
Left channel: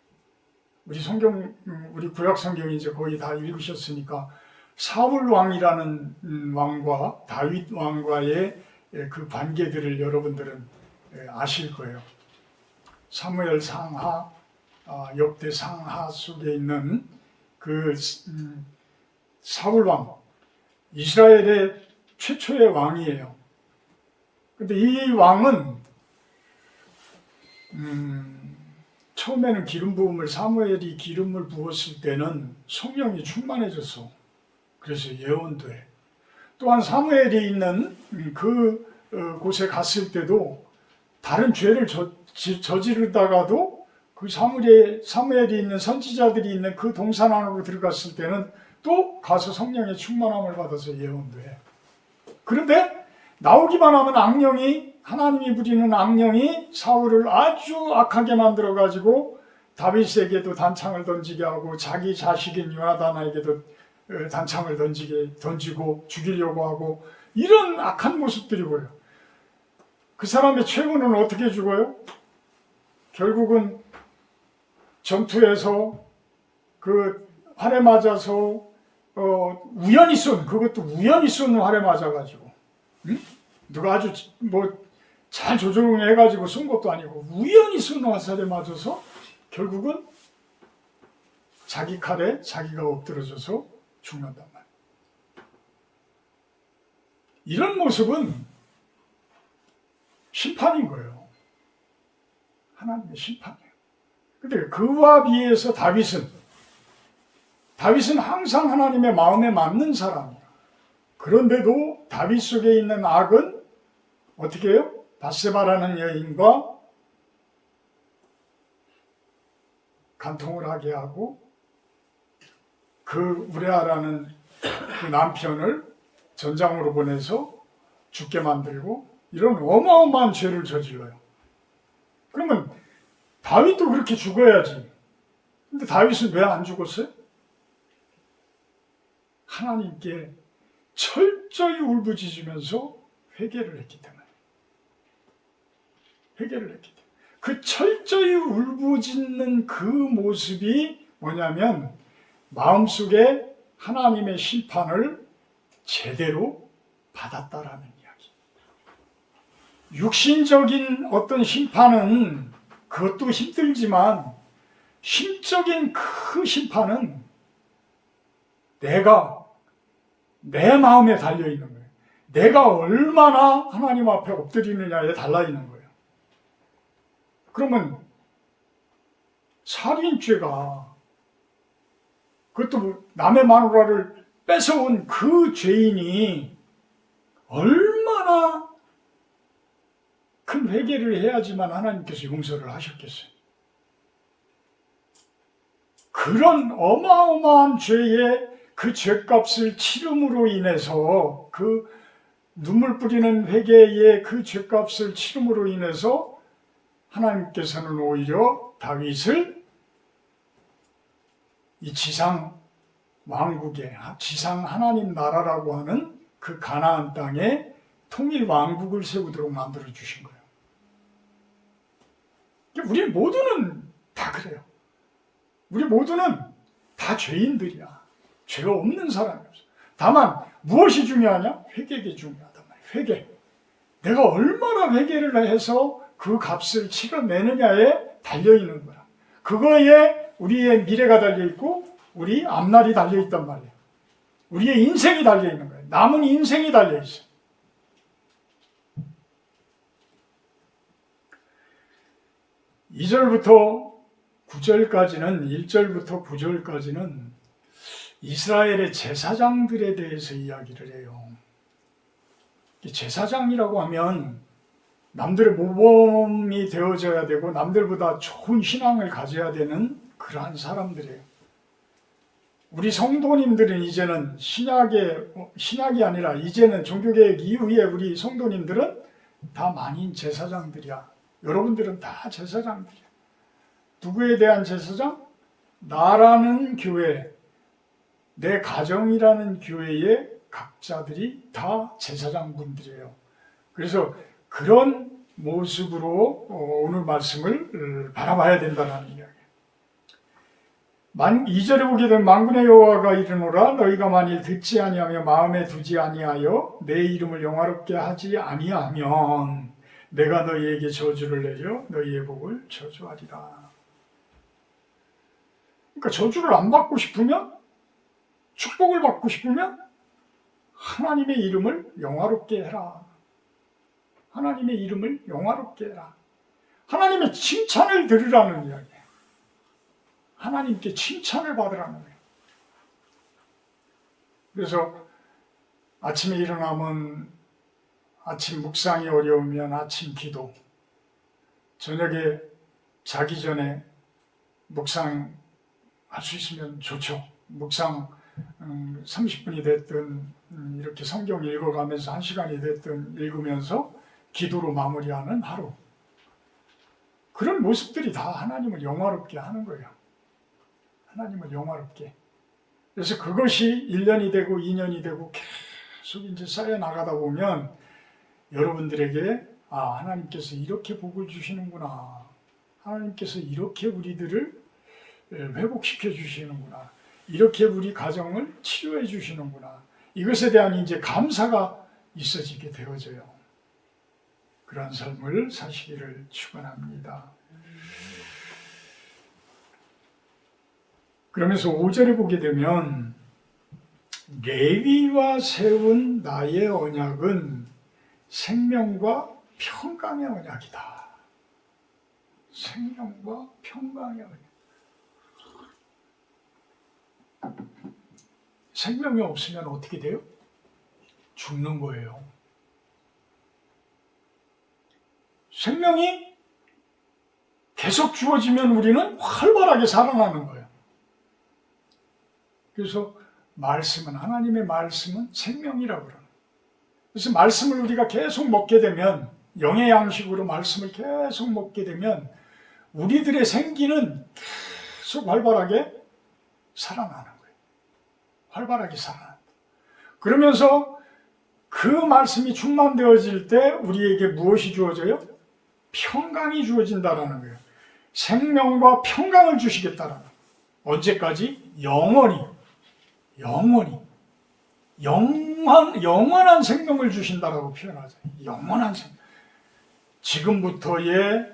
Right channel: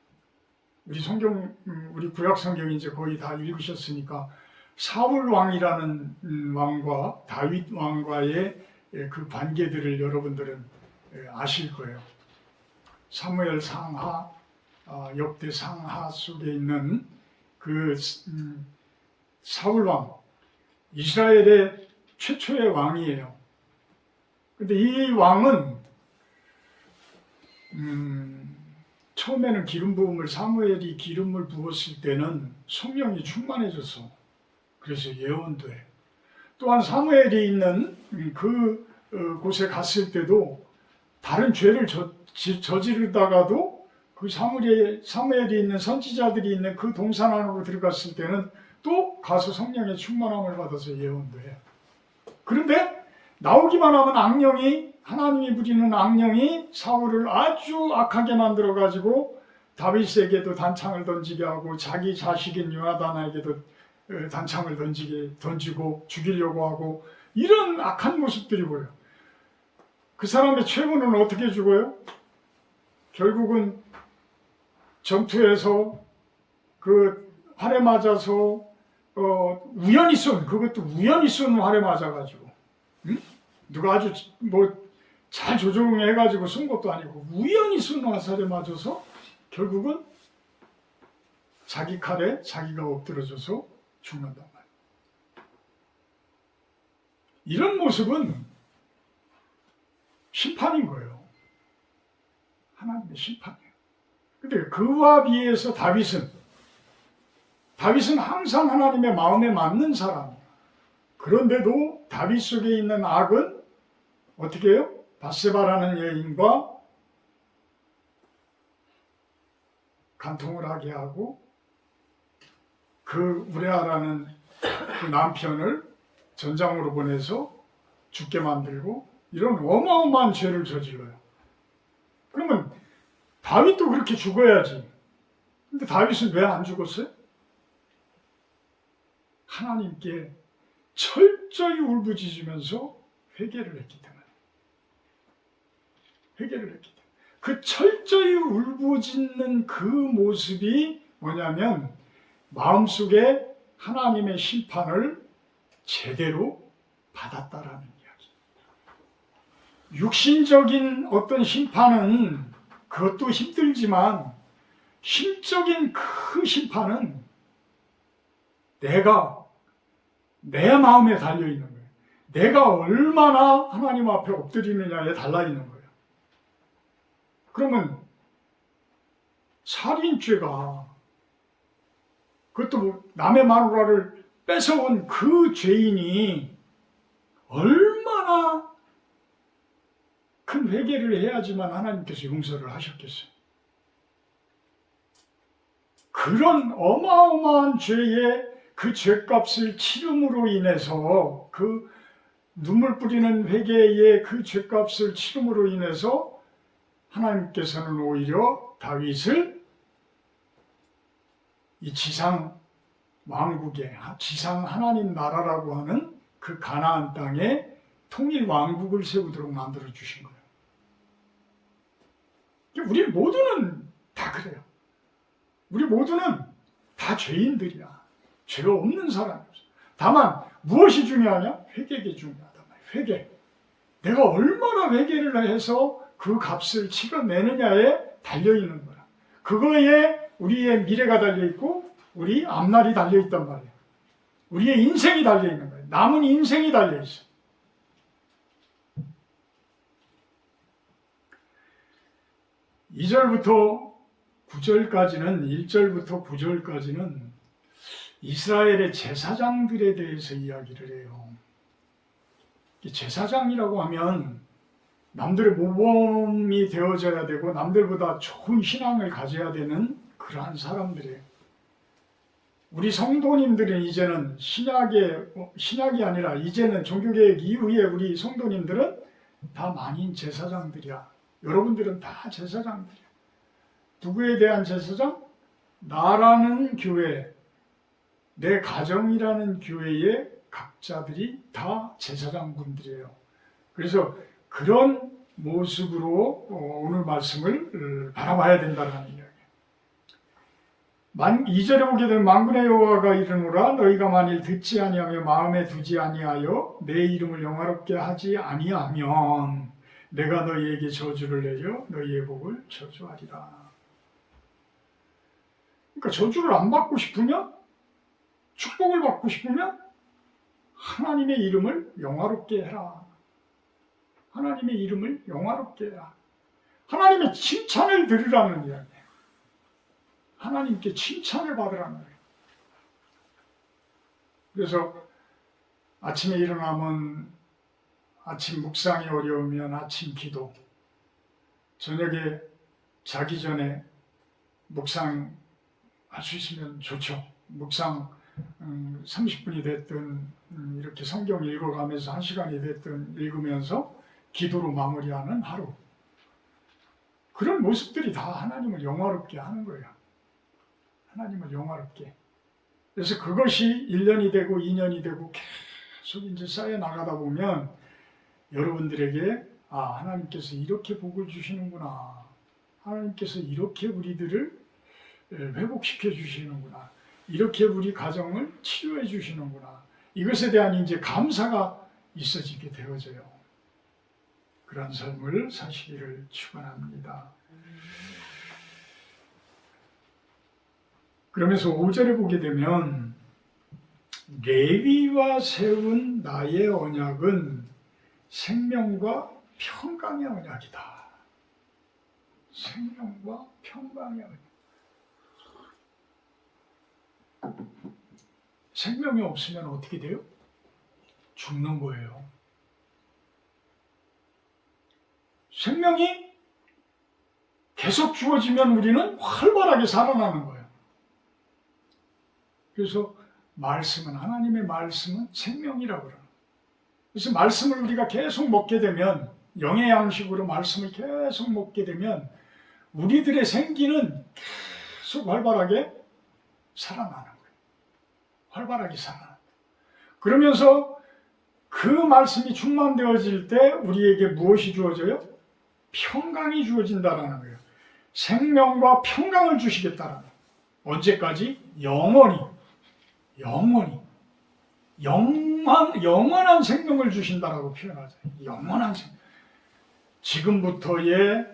우리 구약 성경 이제 거의 다 읽으셨으니까 사울 왕이라는 왕과 다윗 왕과의 그 관계들을 여러분들은 아실 거예요. 사무엘 상하, 역대 상하 속에 있는 그 사울 왕, 이스라엘의 최초의 왕이에요. 근데 이 왕은 처음에는 기름 부음을, 사무엘이 기름을 부었을 때는 성령이 충만해졌어. 그래서 예언도 해. 또한 사무엘이 있는 그 곳에 갔을 때도 다른 죄를 저지르다가도 그 사무엘이 있는 선지자들이 있는 그 동산 안으로 들어갔을 때는 또 가서 성령의 충만함을 받아서 예언도 해. 그런데 나오기만 하면 하나님이 부리는 악령이 사울을 아주 악하게 만들어가지고 다윗에게도 단창을 던지게 하고 자기 자식인 요나단에게도 단창을 던지고 죽이려고 하고 이런 악한 모습들이 보여요. 그 사람의 최후는 어떻게 죽어요? 결국은 전투에서 그 활에 맞아서 그것도 우연히 쏜 활에 맞아가지고, 응? 누가 아주 잘 조종해가지고 쏜 것도 아니고 우연히 쏜 화살에 맞아서 결국은 자기 칼에 자기가 엎드러져서 죽는단 말이에요. 이런 모습은 심판인 거예요. 하나님의 심판이에요. 근데 그와 비해서 다윗은 항상 하나님의 마음에 맞는 사람이에요. 그런데도 다윗 속에 있는 악은 어떻게 해요? 바세바라는 여인과 간통을 하게 하고 그 우레아라는 그 남편을 전장으로 보내서 죽게 만들고 이런 어마어마한 죄를 저질러요. 그러면 다윗도 그렇게 죽어야지. 근데 다윗은 왜 안 죽었어요? 하나님께 철저히 울부짖으면서 회개를 했기 때문에. 회개를 했기 때문에. 그 철저히 울부짖는 그 모습이 뭐냐면 마음속에 하나님의 심판을 제대로 받았다라는 이야기. 육신적인 어떤 심판은 그것도 힘들지만 심적인 그 심판은 내 마음에 달려있는 거예요. 내가 얼마나 하나님 앞에 엎드리느냐에 달려있는 거예요. 그러면 살인죄가 그것도 남의 마누라를 뺏어온 그 죄인이 얼마나 큰 회개를 해야지만 하나님께서 용서를 하셨겠어요. 그런 어마어마한 죄의 그 죄값을 치름으로 인해서 그 눈물 뿌리는 회개의 그 죄값을 치름으로 인해서 하나님께서는 오히려 다윗을 이 지상 왕국에 지상 하나님 나라라고 하는 그 가나안 땅에 통일 왕국을 세우도록 만들어 주신 거예요. 우리 모두는 다 그래요. 우리 모두는 다 죄인들이야. 죄가 없는 사람이 없어. 다만 무엇이 중요하냐? 회개가 중요하단 말이에요. 회개. 내가 얼마나 회개를 해서 그 값을 치러내느냐에 달려있는 거야. 그거에 우리의 미래가 달려있고 우리 앞날이 달려있단 말이에요. 우리의 인생이 달려있는 거예요. 남은 인생이 달려있어. (2절부터 9절까지는) 1절부터 9절까지는 이스라엘의 제사장들에 대해서 이야기를 해요. 제사장이라고 하면 남들의 모범이 되어져야 되고 남들보다 좋은 신앙을 가져야 되는 그러한 사람들이에요. 우리 성도님들은 이제는 신약이 아니라 이제는 종교개혁 이후에 우리 성도님들은 다 만인 제사장들이야. 여러분들은 다 제사장들이야. 누구에 대한 제사장? 나라는 교회, 내 가정이라는 교회의 각자들이 다 제사장분들이에요. 그래서 그런 모습으로 오늘 말씀을 바라봐야 된다는 이야기예요. 2절에 보게 되면 만군의 여호와가 이르노라 너희가 만일 듣지 아니하며 마음에 두지 아니하여 내 이름을 영화롭게 하지 아니하면 내가 너희에게 저주를 내려 너희의 복을 저주하리라. 그러니까 저주를 안 받고 싶으면, 축복을 받고 싶으면 하나님의 이름을 영화롭게 해라. 하나님의 이름을 영화롭게 해라. 하나님의 칭찬을 들으라는 이야기예요. 하나님께 칭찬을 받으라는 거예요. 그래서 아침에 일어나면 아침 묵상이 어려우면 아침 기도, 저녁에 자기 전에 묵상할 수 있으면 좋죠. 묵상 30분이 됐든 이렇게 성경 읽어가면서 1시간이 됐든 읽으면서 기도로 마무리하는 하루. 그런 모습들이 다 하나님을 영화롭게 하는 거예요. 하나님을 영화롭게. 그래서 그것이 1년이 되고 2년이 되고 계속 이제 쌓여 나가다 보면 여러분들에게 하나님께서 이렇게 복을 주시는구나. 하나님께서 이렇게 우리들을 회복시켜 주시는구나. 이렇게 우리 가정을 치료해 주시는구나. 이것에 대한 이제 감사가 있어지게 되어져요. 그런 삶을 사시기를 축원합니다. 그러면서 5절에 보게 되면 레위와 세운 나의 언약은 생명과 평강의 언약이다. 생명과 평강의 언약. 생명이 없으면 어떻게 돼요? 죽는 거예요. 생명이 계속 주어지면 우리는 활발하게 살아나는 거예요. 그래서 말씀은, 하나님의 말씀은 생명이라고 그러는 거예요. 그래서 말씀을 우리가 계속 먹게 되면, 영의 양식으로 말씀을 계속 먹게 되면 우리들의 생기는 계속 활발하게 살아나는 거예요. 활발하게 살아난다. 그러면서 그 말씀이 충만되어질 때 우리에게 무엇이 주어져요? 평강이 주어진다라는 거예요. 생명과 평강을 주시겠다라는 거예요. 언제까지? 영원히. 영원한 생명을 주신다라고 표현하죠. 영원한 생명. 지금부터의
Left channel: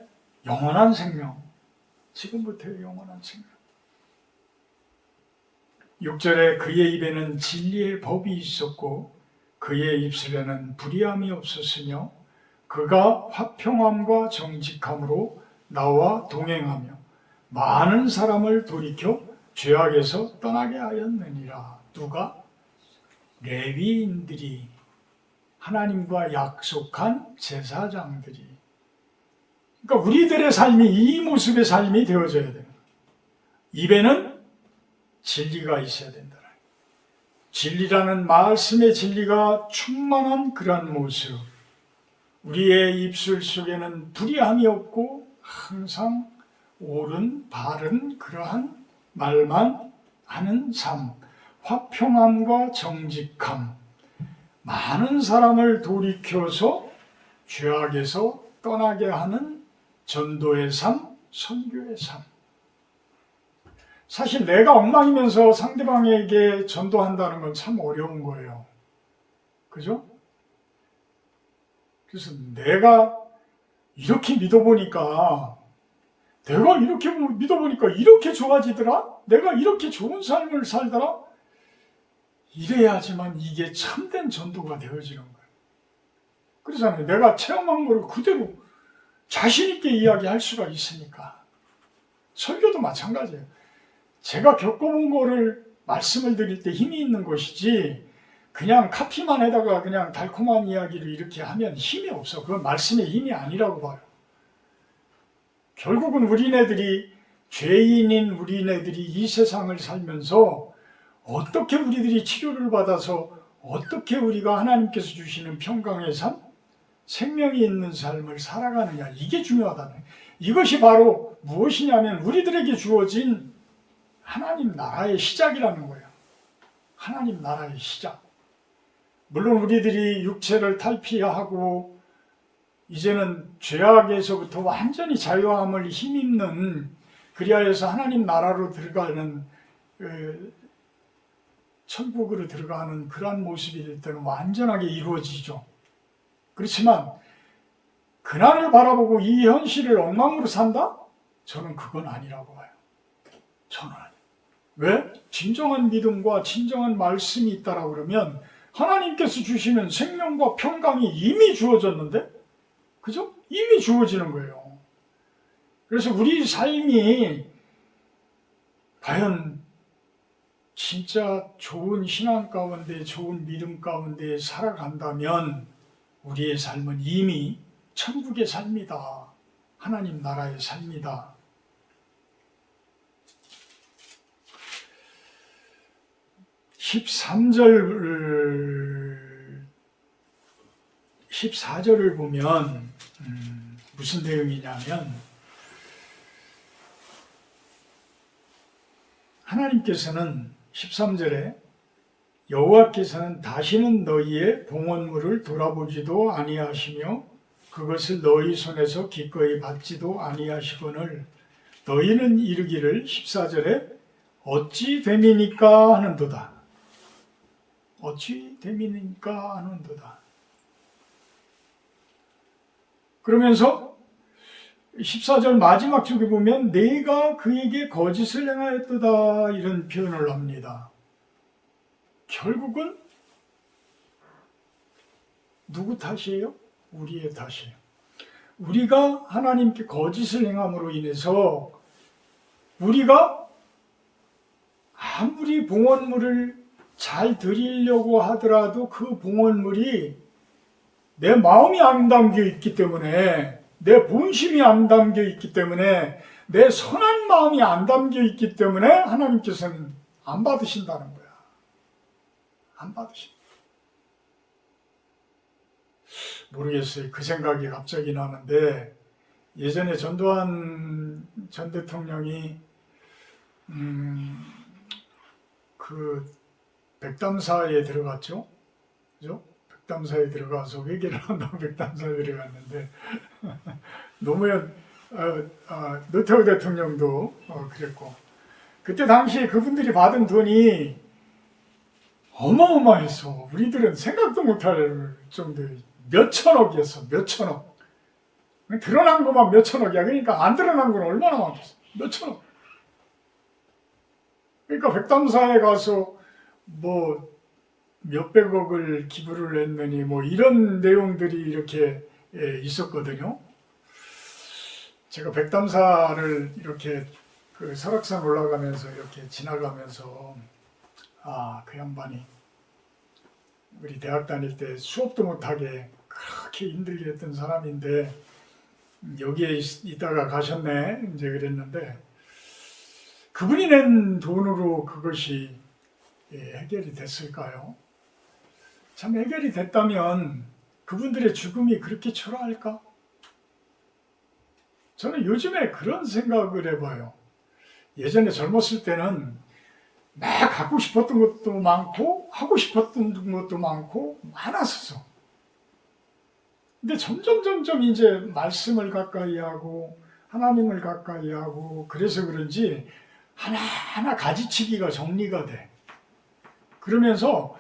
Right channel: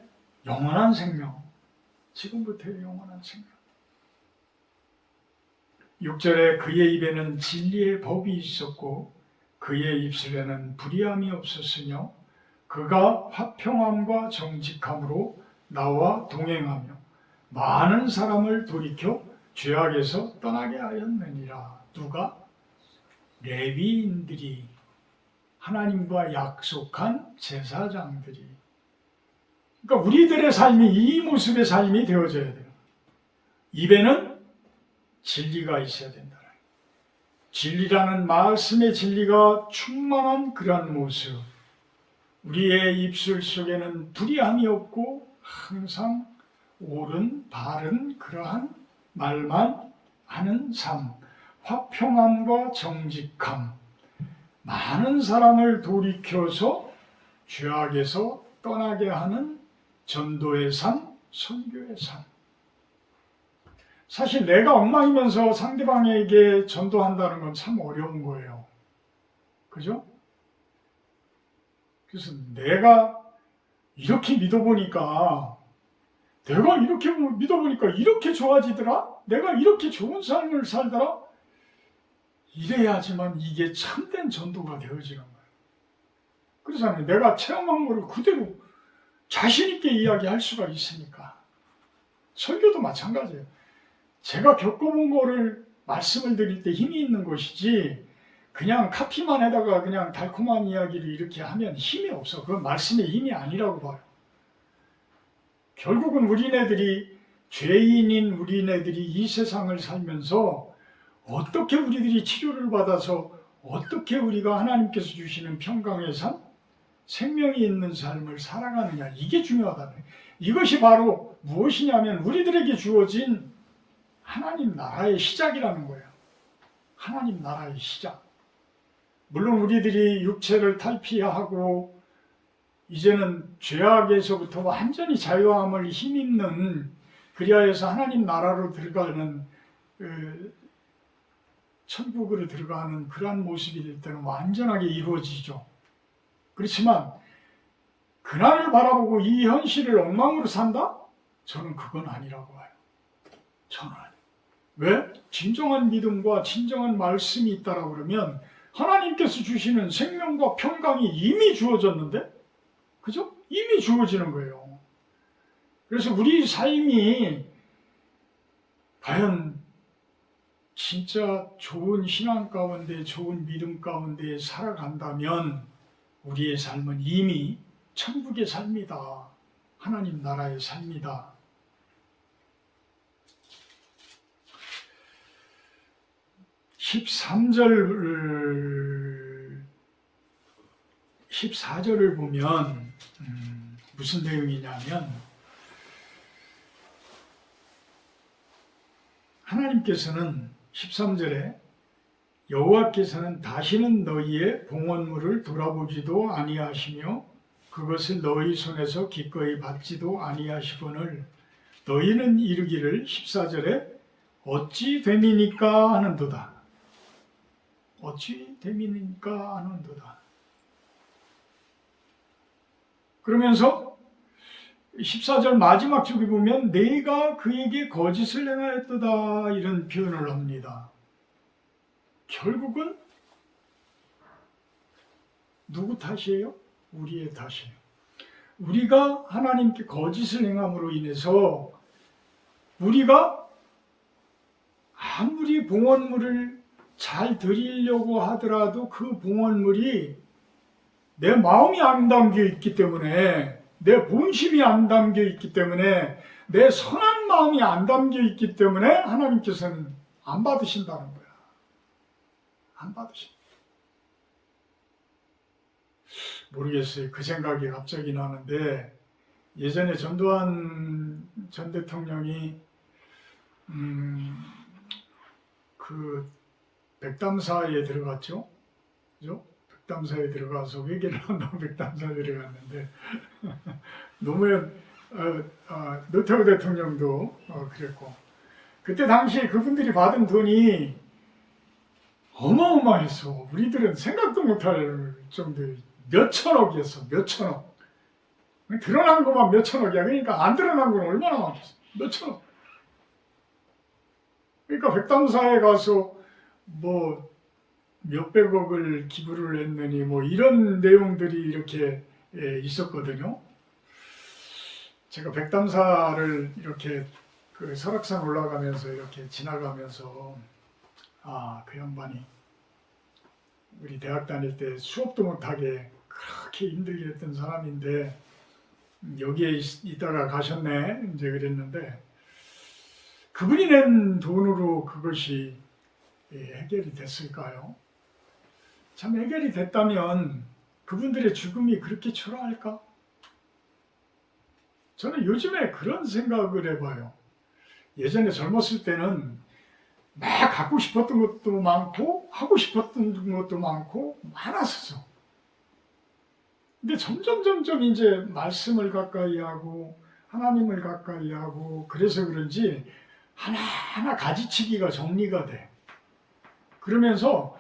영원한 생명. 지금부터의 영원한 생명. 6절에 그의 입에는 진리의 법이 있었고 그의 입술에는 불의함이 없었으며 그가 화평함과 정직함으로 나와 동행하며 많은 사람을 돌이켜 죄악에서 떠나게 하였느니라. 누가? 레위인들이, 하나님과 약속한 제사장들이. 그러니까 우리들의 삶이 이 모습의 삶이 되어져야 돼요. 입에는 진리가 있어야 된다. 진리라는 말씀의 진리가 충만한 그런 모습. 우리의 입술 속에는 불의함이 없고 항상 옳은 바른 그러한 말만 하는 삶. 화평함과 정직함. 많은 사람을 돌이켜서 죄악에서 떠나게 하는 전도의 삶, 선교의 삶. 사실 내가 엉망이면서 상대방에게 전도한다는 건 참 어려운 거예요. 그죠? 그래서 내가 이렇게 믿어보니까 이렇게 좋아지더라? 내가 이렇게 좋은 삶을 살더라? 이래야지만 이게 참된 전도가 되어지는 거예요. 그러잖아요. 내가 체험한 거를 그대로 자신 있게 이야기할 수가 있으니까. 설교도 마찬가지예요. 제가 겪어본 거를 말씀을 드릴 때 힘이 있는 것이지 그냥 카피만 해다가 그냥 달콤한 이야기를 이렇게 하면 힘이 없어. 그건 말씀의 힘이 아니라고 봐요. 결국은 죄인인 우리네들이 이 세상을 살면서 어떻게 우리들이 치료를 받아서 어떻게 우리가 하나님께서 주시는 평강의 삶, 생명이 있는 삶을 살아가느냐, 이게 중요하다는 거예요. 이것이 바로 무엇이냐면 우리들에게 주어진 하나님 나라의 시작이라는 거예요. 하나님 나라의 시작. 물론 우리들이 육체를 탈피하고 이제는 죄악에서부터 완전히 자유함을 힘입는, 그리하여서 하나님 나라로 들어가는 천국으로 들어가는 그러한 모습이 될 때는 완전하게 이루어지죠. 그렇지만 그날을 바라보고 이 현실을 엉망으로 산다? 저는 그건 아니라고 봐요. 저는 아니에요. 왜? 진정한 믿음과 진정한 말씀이 있다라고 그러면 하나님께서 주시는 생명과 평강이 이미 주어졌는데, 그죠? 이미 주어지는 거예요. 그래서 우리 삶이 과연 진짜 좋은 신앙 가운데, 좋은 믿음 가운데 살아간다면 우리의 삶은 이미 천국의 삶이다. 하나님 나라의 삶이다. (13절) 14절을 보면 무슨 내용이냐면 하나님께서는 13절에 여호와께서는 다시는 너희의 봉헌물을 돌아보지도 아니하시며 그것을 너희 손에서 기꺼이 받지도 아니하시거늘 너희는 이르기를 14절에 어찌 됨이니까 하는도다. 어찌 됨이니까 하는도다. 그러면서 14절 마지막 쪽에 보면 내가 그에게 거짓을 행하였도다 이런 표현을 합니다. 결국은 누구 탓이에요? 우리의 탓이에요. 우리가 하나님께 거짓을 행함으로 인해서 우리가 아무리 봉헌물을 잘 드리려고 하더라도 그 봉헌물이 내 마음이 안 담겨 있기 때문에, 내 본심이 안 담겨 있기 때문에, 내 선한 마음이 안 담겨 있기 때문에 하나님께서는 안 받으신다는 거야. 안 받으신다. 모르겠어요. 그 생각이 갑자기 나는데, 예전에 전두환 전 대통령이 그 백담사에 들어갔죠. 그죠? 백담사에 들어가서 회개를 한다고 백담사에 들어갔는데 노무현 노태우 대통령도 그랬고, 그때 당시에 그분들이 받은 돈이 어마어마했어. 우리들은 생각도 못할 정도의 몇천억이었어. 몇천억. 드러난 것만 몇천억이야. 그러니까 안 드러난 건 얼마나 많겠어. 몇천억. 그러니까 백담사에 가서 뭐 몇백억을 기부를 했느니 뭐 이런 내용들이 이렇게 있었거든요. 제가 백담사를 이렇게 그 설악산 올라가면서 이렇게 지나가면서 그 양반이 우리 대학 다닐 때 수업도 못하게 그렇게 힘들게 했던 사람인데 여기에 있다가 가셨네 이제 그랬는데, 그분이 낸 돈으로 그것이 해결이 됐을까요? 참 해결이 됐다면 그분들의 죽음이 그렇게 초라할까? 저는 요즘에 그런 생각을 해봐요. 예전에 젊었을 때는 막 갖고 싶었던 것도 많고 하고 싶었던 것도 많고 많았었어. 근데 점점 이제 말씀을 가까이 하고 하나님을 가까이 하고 그래서 그런지 하나하나 가지치기가 정리가 돼. 그러면서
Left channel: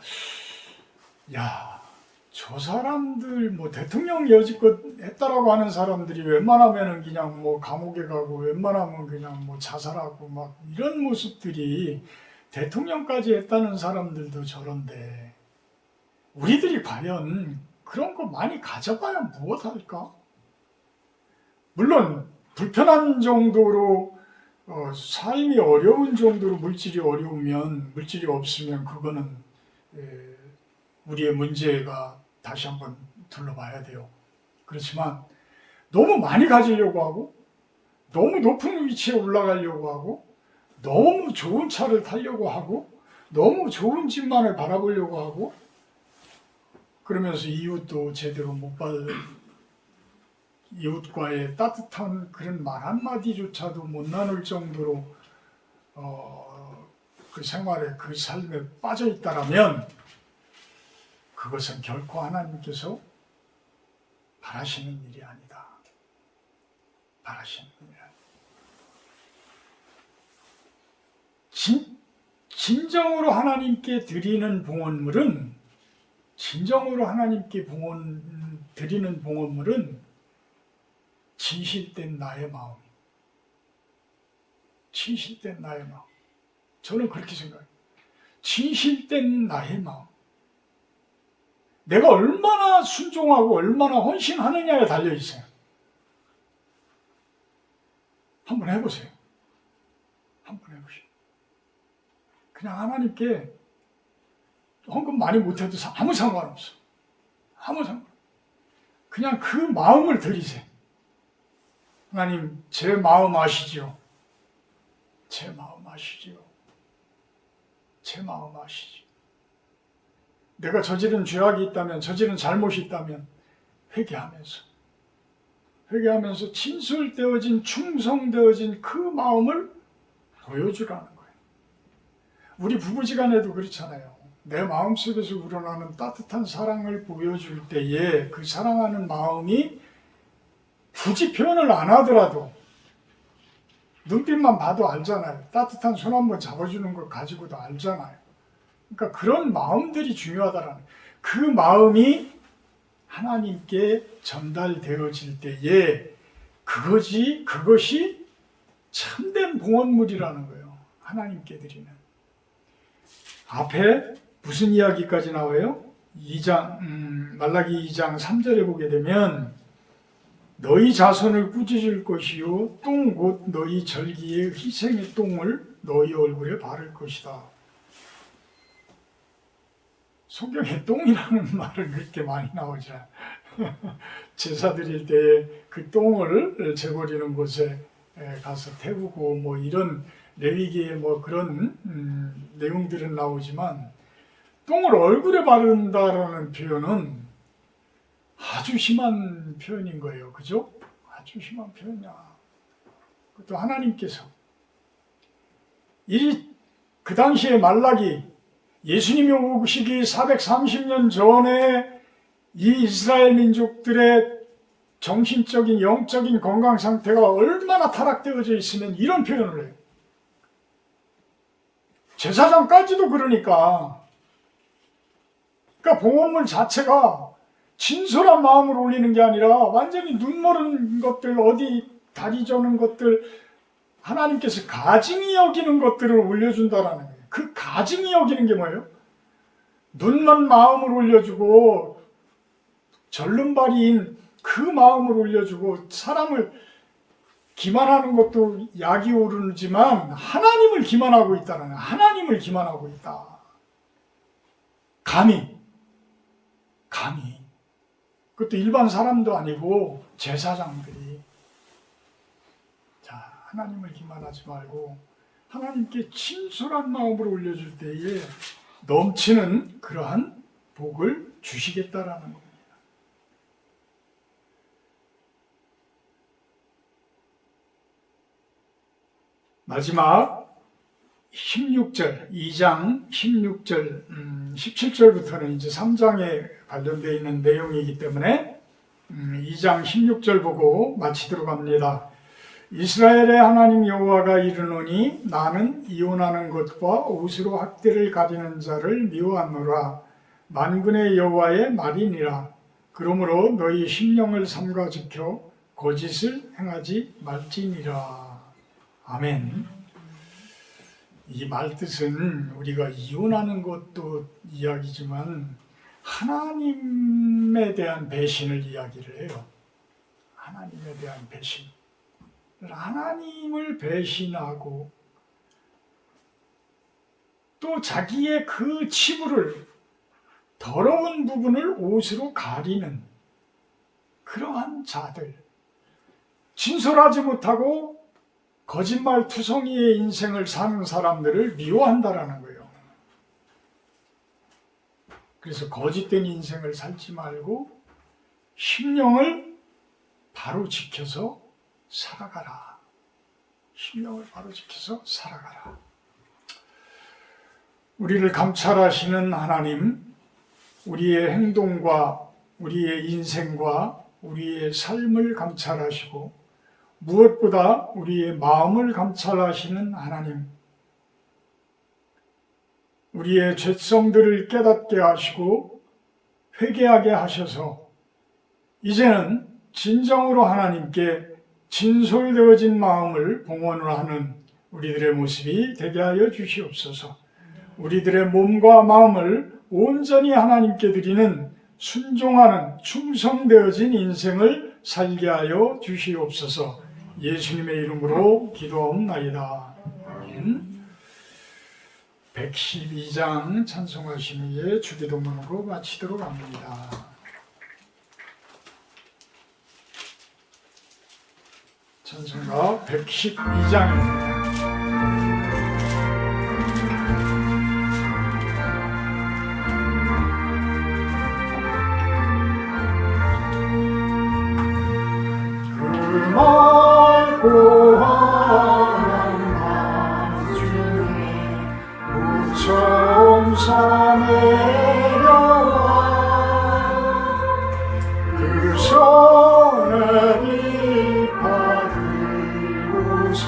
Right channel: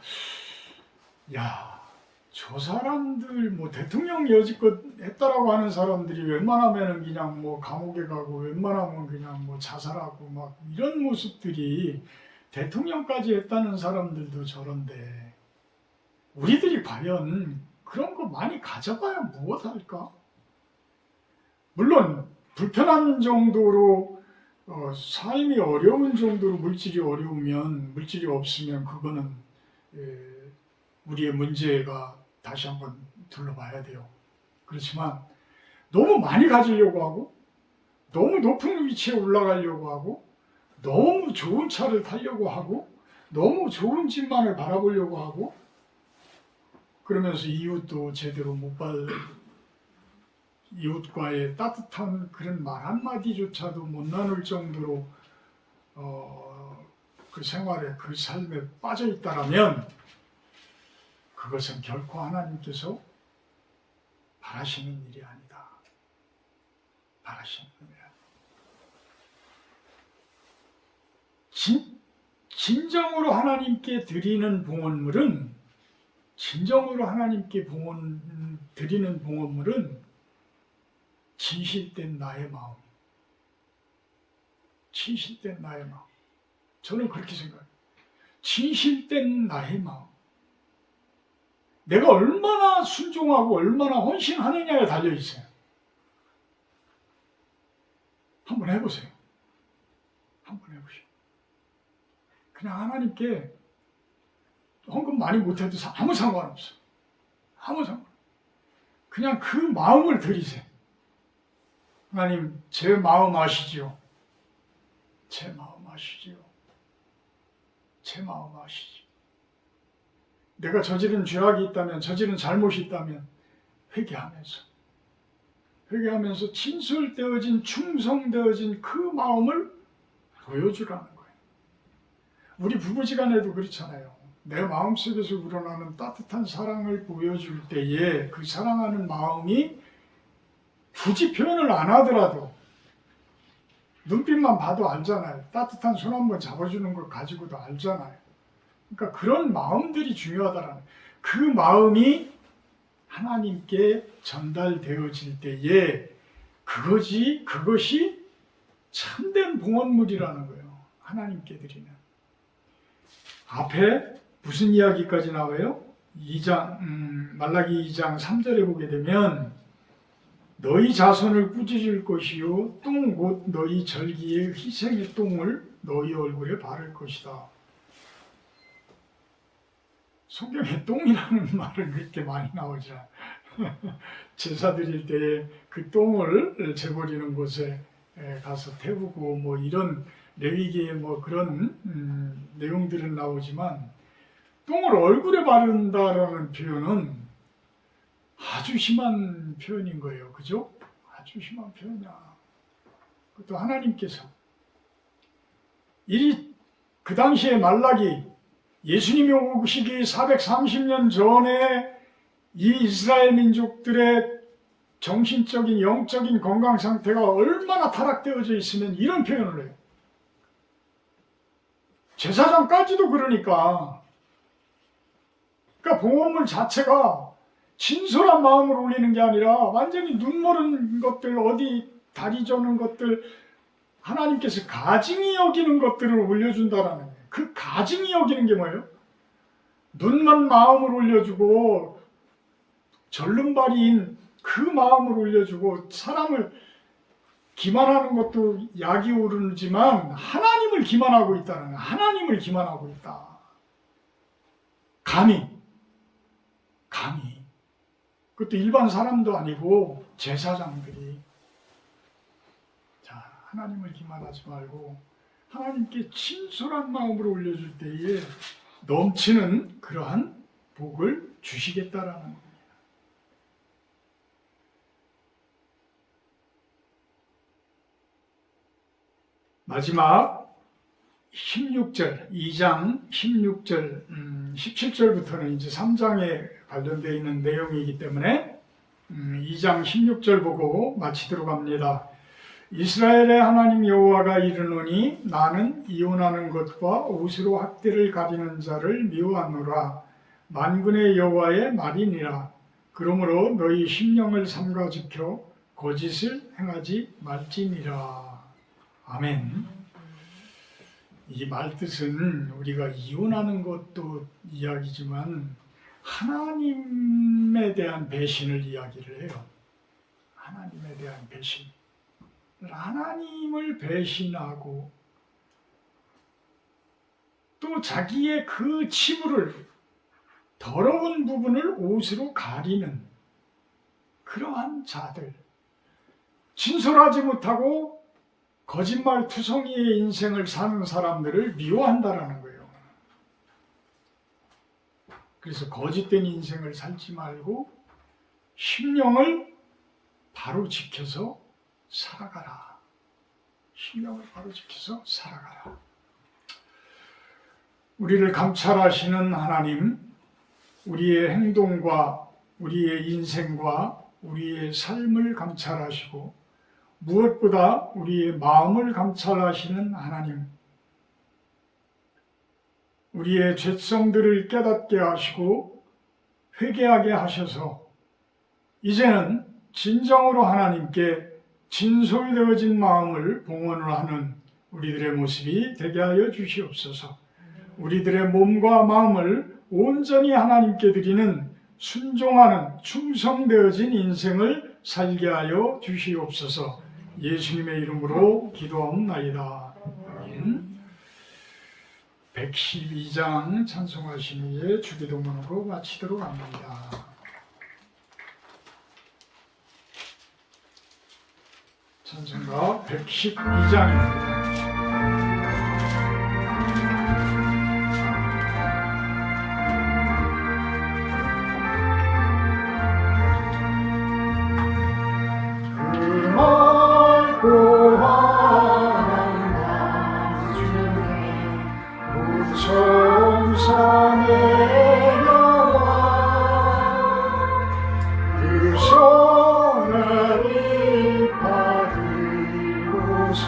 저 사람들 뭐 대통령 여지껏 했다라고 하는 사람들이 웬만하면은 그냥 뭐 감옥에 가고 웬만하면 그냥 뭐 자살하고 막 이런 모습들이, 대통령까지 했다는 사람들도 저런데 우리들이 과연 그런 거 많이 가져봐야 무엇할까? 물론 불편한 정도로 삶이 어려운 정도로 물질이 어려우면, 물질이 없으면 그거는 우리의 문제가 다시 한번 둘러봐야 돼요. 그렇지만 너무 많이 가지려고 하고 너무 높은 위치에 올라가려고 하고 너무 좋은 차를 타려고 하고 너무 좋은 집만을 바라보려고 하고, 그러면서 이웃도 제대로 못 받, 이웃과의 따뜻한 그런 말 한마디조차도 못 나눌 정도로 그 생활에, 그 삶에 빠져 있다라면 그것은 결코 하나님께서 바라시는 일이 아니다. 바라시는 일이 아니다. 진정으로 하나님께 드리는 봉헌물은, 진정으로 하나님께 드리는 봉헌물은 진실된 나의 마음, 진실된 나의 마음. 저는 그렇게 생각해요. 진실된 나의 마음. 내가 얼마나 순종하고 얼마나 헌신하느냐에 달려 있어요. 한번 해보세요. 한번 해보세요. 그냥 하나님께 헌금 많이 못해도 아무 상관없어. 아무 상관. 그냥 그 마음을 드리세요. 하나님, 제 마음 아시지요? 제 마음 아시지요? 제 마음 아시지요? 내가 저지른 죄악이 있다면, 저지른 잘못이 있다면 회개하면서 진솔되어진, 충성되어진 그 마음을 보여주라는 거예요. 우리 부부지간에도 그렇잖아요. 내 마음속에서 우러나는 따뜻한 사랑을 보여줄 때에 그 사랑하는 마음이 굳이 표현을 안 하더라도 눈빛만 봐도 알잖아요. 따뜻한 손 한번 잡아주는 걸 가지고도 알잖아요. 그러니까 그런 마음들이 중요하다라는, 그 마음이 하나님께 전달되어질 때에 그것이 참된 봉헌물이라는 거예요. 하나님께 드리는. 앞에 무슨 이야기까지 나와요? 말라기 2장 3절에 보게 되면 너희 자손을 꾸짖을 것이요 똥 곧 너희 절기의 희생의 똥을 너희 얼굴에 바를 것이다. 성경에 똥이라는 말은 그렇게 많이 나오지 않아요. 제사 드릴 때에 그 똥을 재버리는 곳에 가서 태우고 뭐 이런 레위기의 뭐 그런 내용들은 나오지만 똥을 얼굴에 바른다라는 표현은 아주 심한 표현인 거예요. 그죠? 아주 심한 표현이야. 그것도 하나님께서 그 당시에 말라기 예수님이 오시기 430년 전에 이 이스라엘 민족들의 정신적인 영적인 건강 상태가 얼마나 타락되어져 있으면 이런 표현을 해요. 제사장까지도 그러니까 봉헌물 자체가 진솔한 마음으로 올리는 게 아니라 완전히 눈멀은 것들, 어디 다리 저는 것들, 하나님께서 가증히 여기는 것들을 올려준다라는 거예요. 그 가증히 여기는 게 뭐예요? 눈먼 마음을 올려주고 절름발이인 그 마음을 올려주고 사람을 기만하는 것도 약이 오르지만 하나님을 기만하고 있다는 거예요. 하나님을 기만하고 있다. 감히 그것도 일반 사람도 아니고 제사장들이 자 하나님을 기만하지 말고 하나님께 진솔한 마음으로 올려줄 때에 넘치는 그러한 복을 주시겠다라는 겁니다. 마지막 16절, 2장 16절, 17절부터는 이제 3장에 관련되어 있는 내용이기 때문에 2장 16절 보고 마치도록 합니다. 이스라엘의 하나님 여호와가 이르노니 나는 이혼하는 것과 옷으로 학대를 가리는 자를 미워하노라. 만군의 여호와의 말이니라. 그러므로 너희 심령을 삼가 지켜 거짓을 행하지 말지니라. 아멘. 이 말뜻은 우리가 이혼하는 것도 이야기지만 하나님에 대한 배신을 이야기를 해요. 하나님에 대한 배신. 하나님을 배신하고 또 자기의 그 치부를 더러운 부분을 옷으로 가리는 그러한 자들, 진솔하지 못하고 거짓말 투성이의 인생을 사는 사람들을 미워한다라는 거예요. 그래서 거짓된 인생을 살지 말고 심령을 바로 지켜서 살아가라. 심령을 바로 지켜서 살아가라. 우리를 감찰하시는 하나님, 우리의 행동과 우리의 인생과 우리의 삶을 감찰하시고 무엇보다 우리의 마음을 감찰하시는 하나님, 우리의 죄성들을 깨닫게 하시고 회개하게 하셔서 이제는 진정으로 하나님께 진솔되어진 마음을 봉헌을 하는 우리들의 모습이 되게 하여 주시옵소서. 우리들의 몸과 마음을 온전히 하나님께 드리는 순종하는 충성되어진 인생을 살게 하여 주시옵소서. 예수님의 이름으로 기도하옵나이다. 아멘. 112장 찬송하신 후에 주기도문으로 마치도록 합니다. 찬송가 112장입니다. 고하는 밤 중에 무천사 내려와 그 손을 받들고서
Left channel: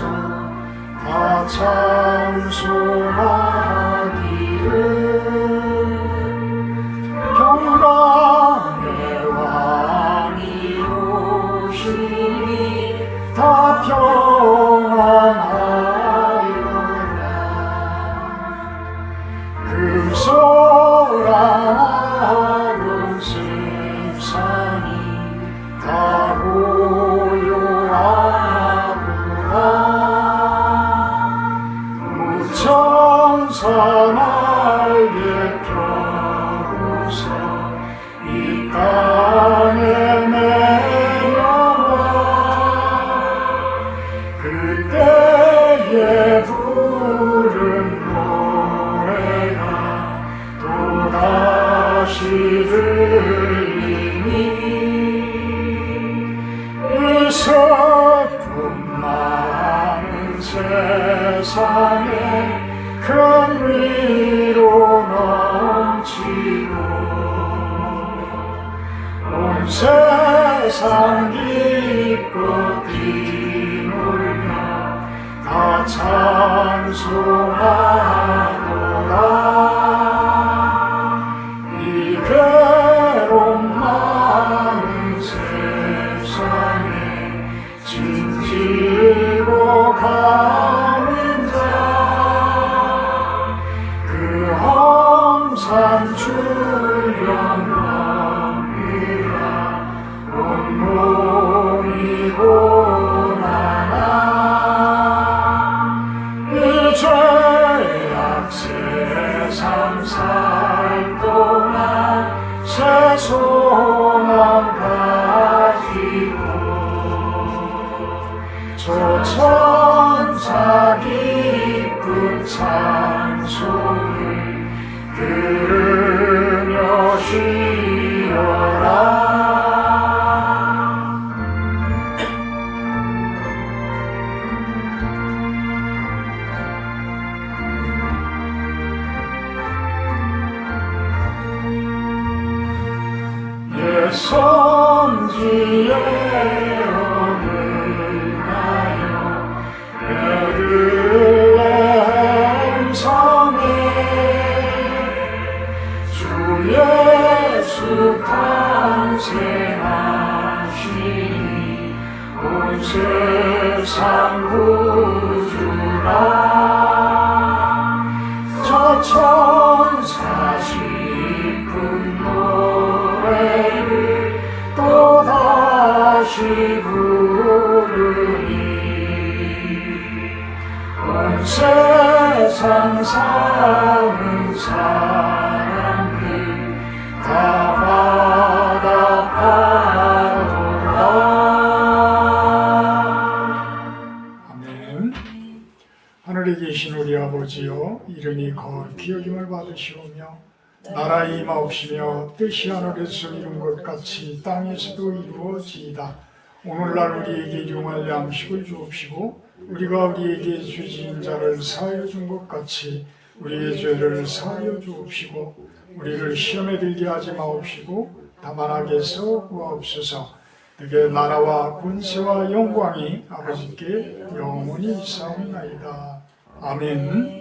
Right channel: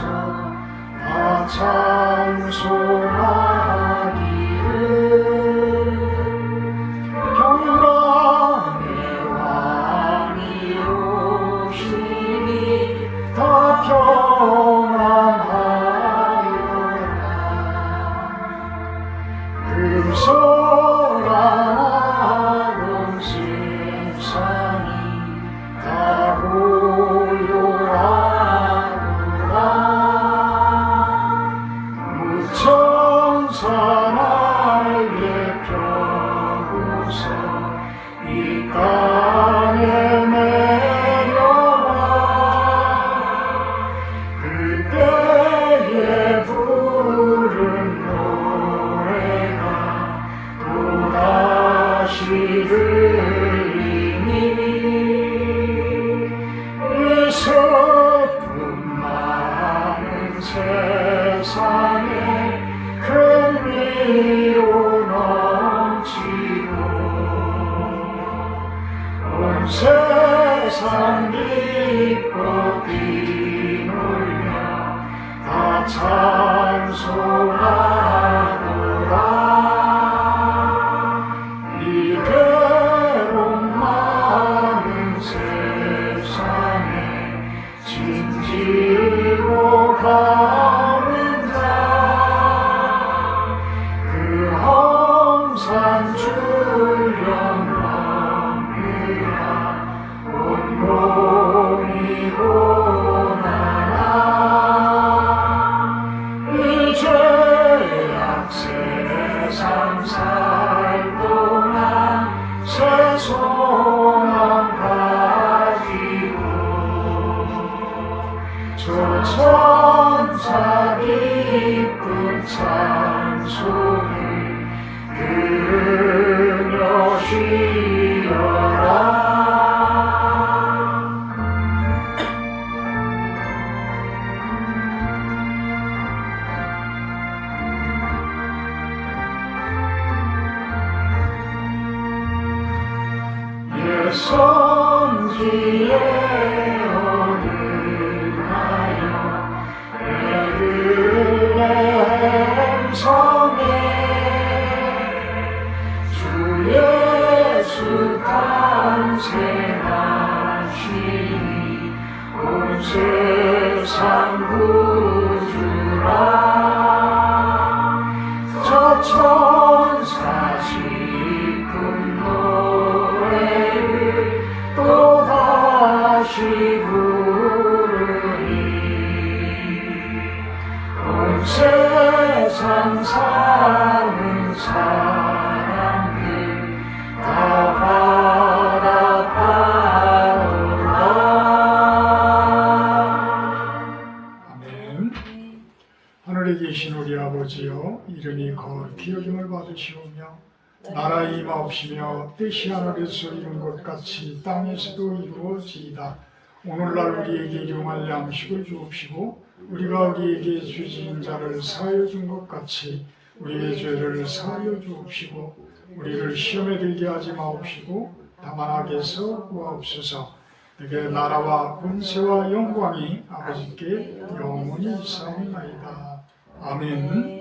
다시 들리니 의석품 많은 세상에 큰 위로 넘치고 온 세상 기뻐 뛰놀며 다 찬송하노라. 이 괴로움 많은 세상에 짐지고 가는 자 그 험산 출령 넘으라 온몸이 고난아 이 죄악 세상 살 동안 새 소망 가지고 저 천사 기쁜 찬송을 들으며 쉬어라. 예선지에 오르나요 베들레헴 성에 주 예수 탄생하시니 온 세상 구주라. 저 천사 싶은 노래를 또다시 부르니 온 세상 사는 사람들 다 받아파오라. 아멘. 하늘에 계신 우리 아버지여 이름이 거룩히 여김을 받으시오며 나라의 임하옵시며 뜻이 하늘에서 이룬 것 같이 땅에서도 이루어지이다. 오늘날 우리에게 일용할 양식을 주옵시고 우리가 우리에게 죄지은 자를 사하여 준 것 같이 우리의 죄를 사하여 주옵시고 우리를 시험에 들게 하지 마옵시고 다만 악에서 구하옵소서. 내게 나라와 권세와 영광이 아버지께 영원히 있사옵나이다. 아멘.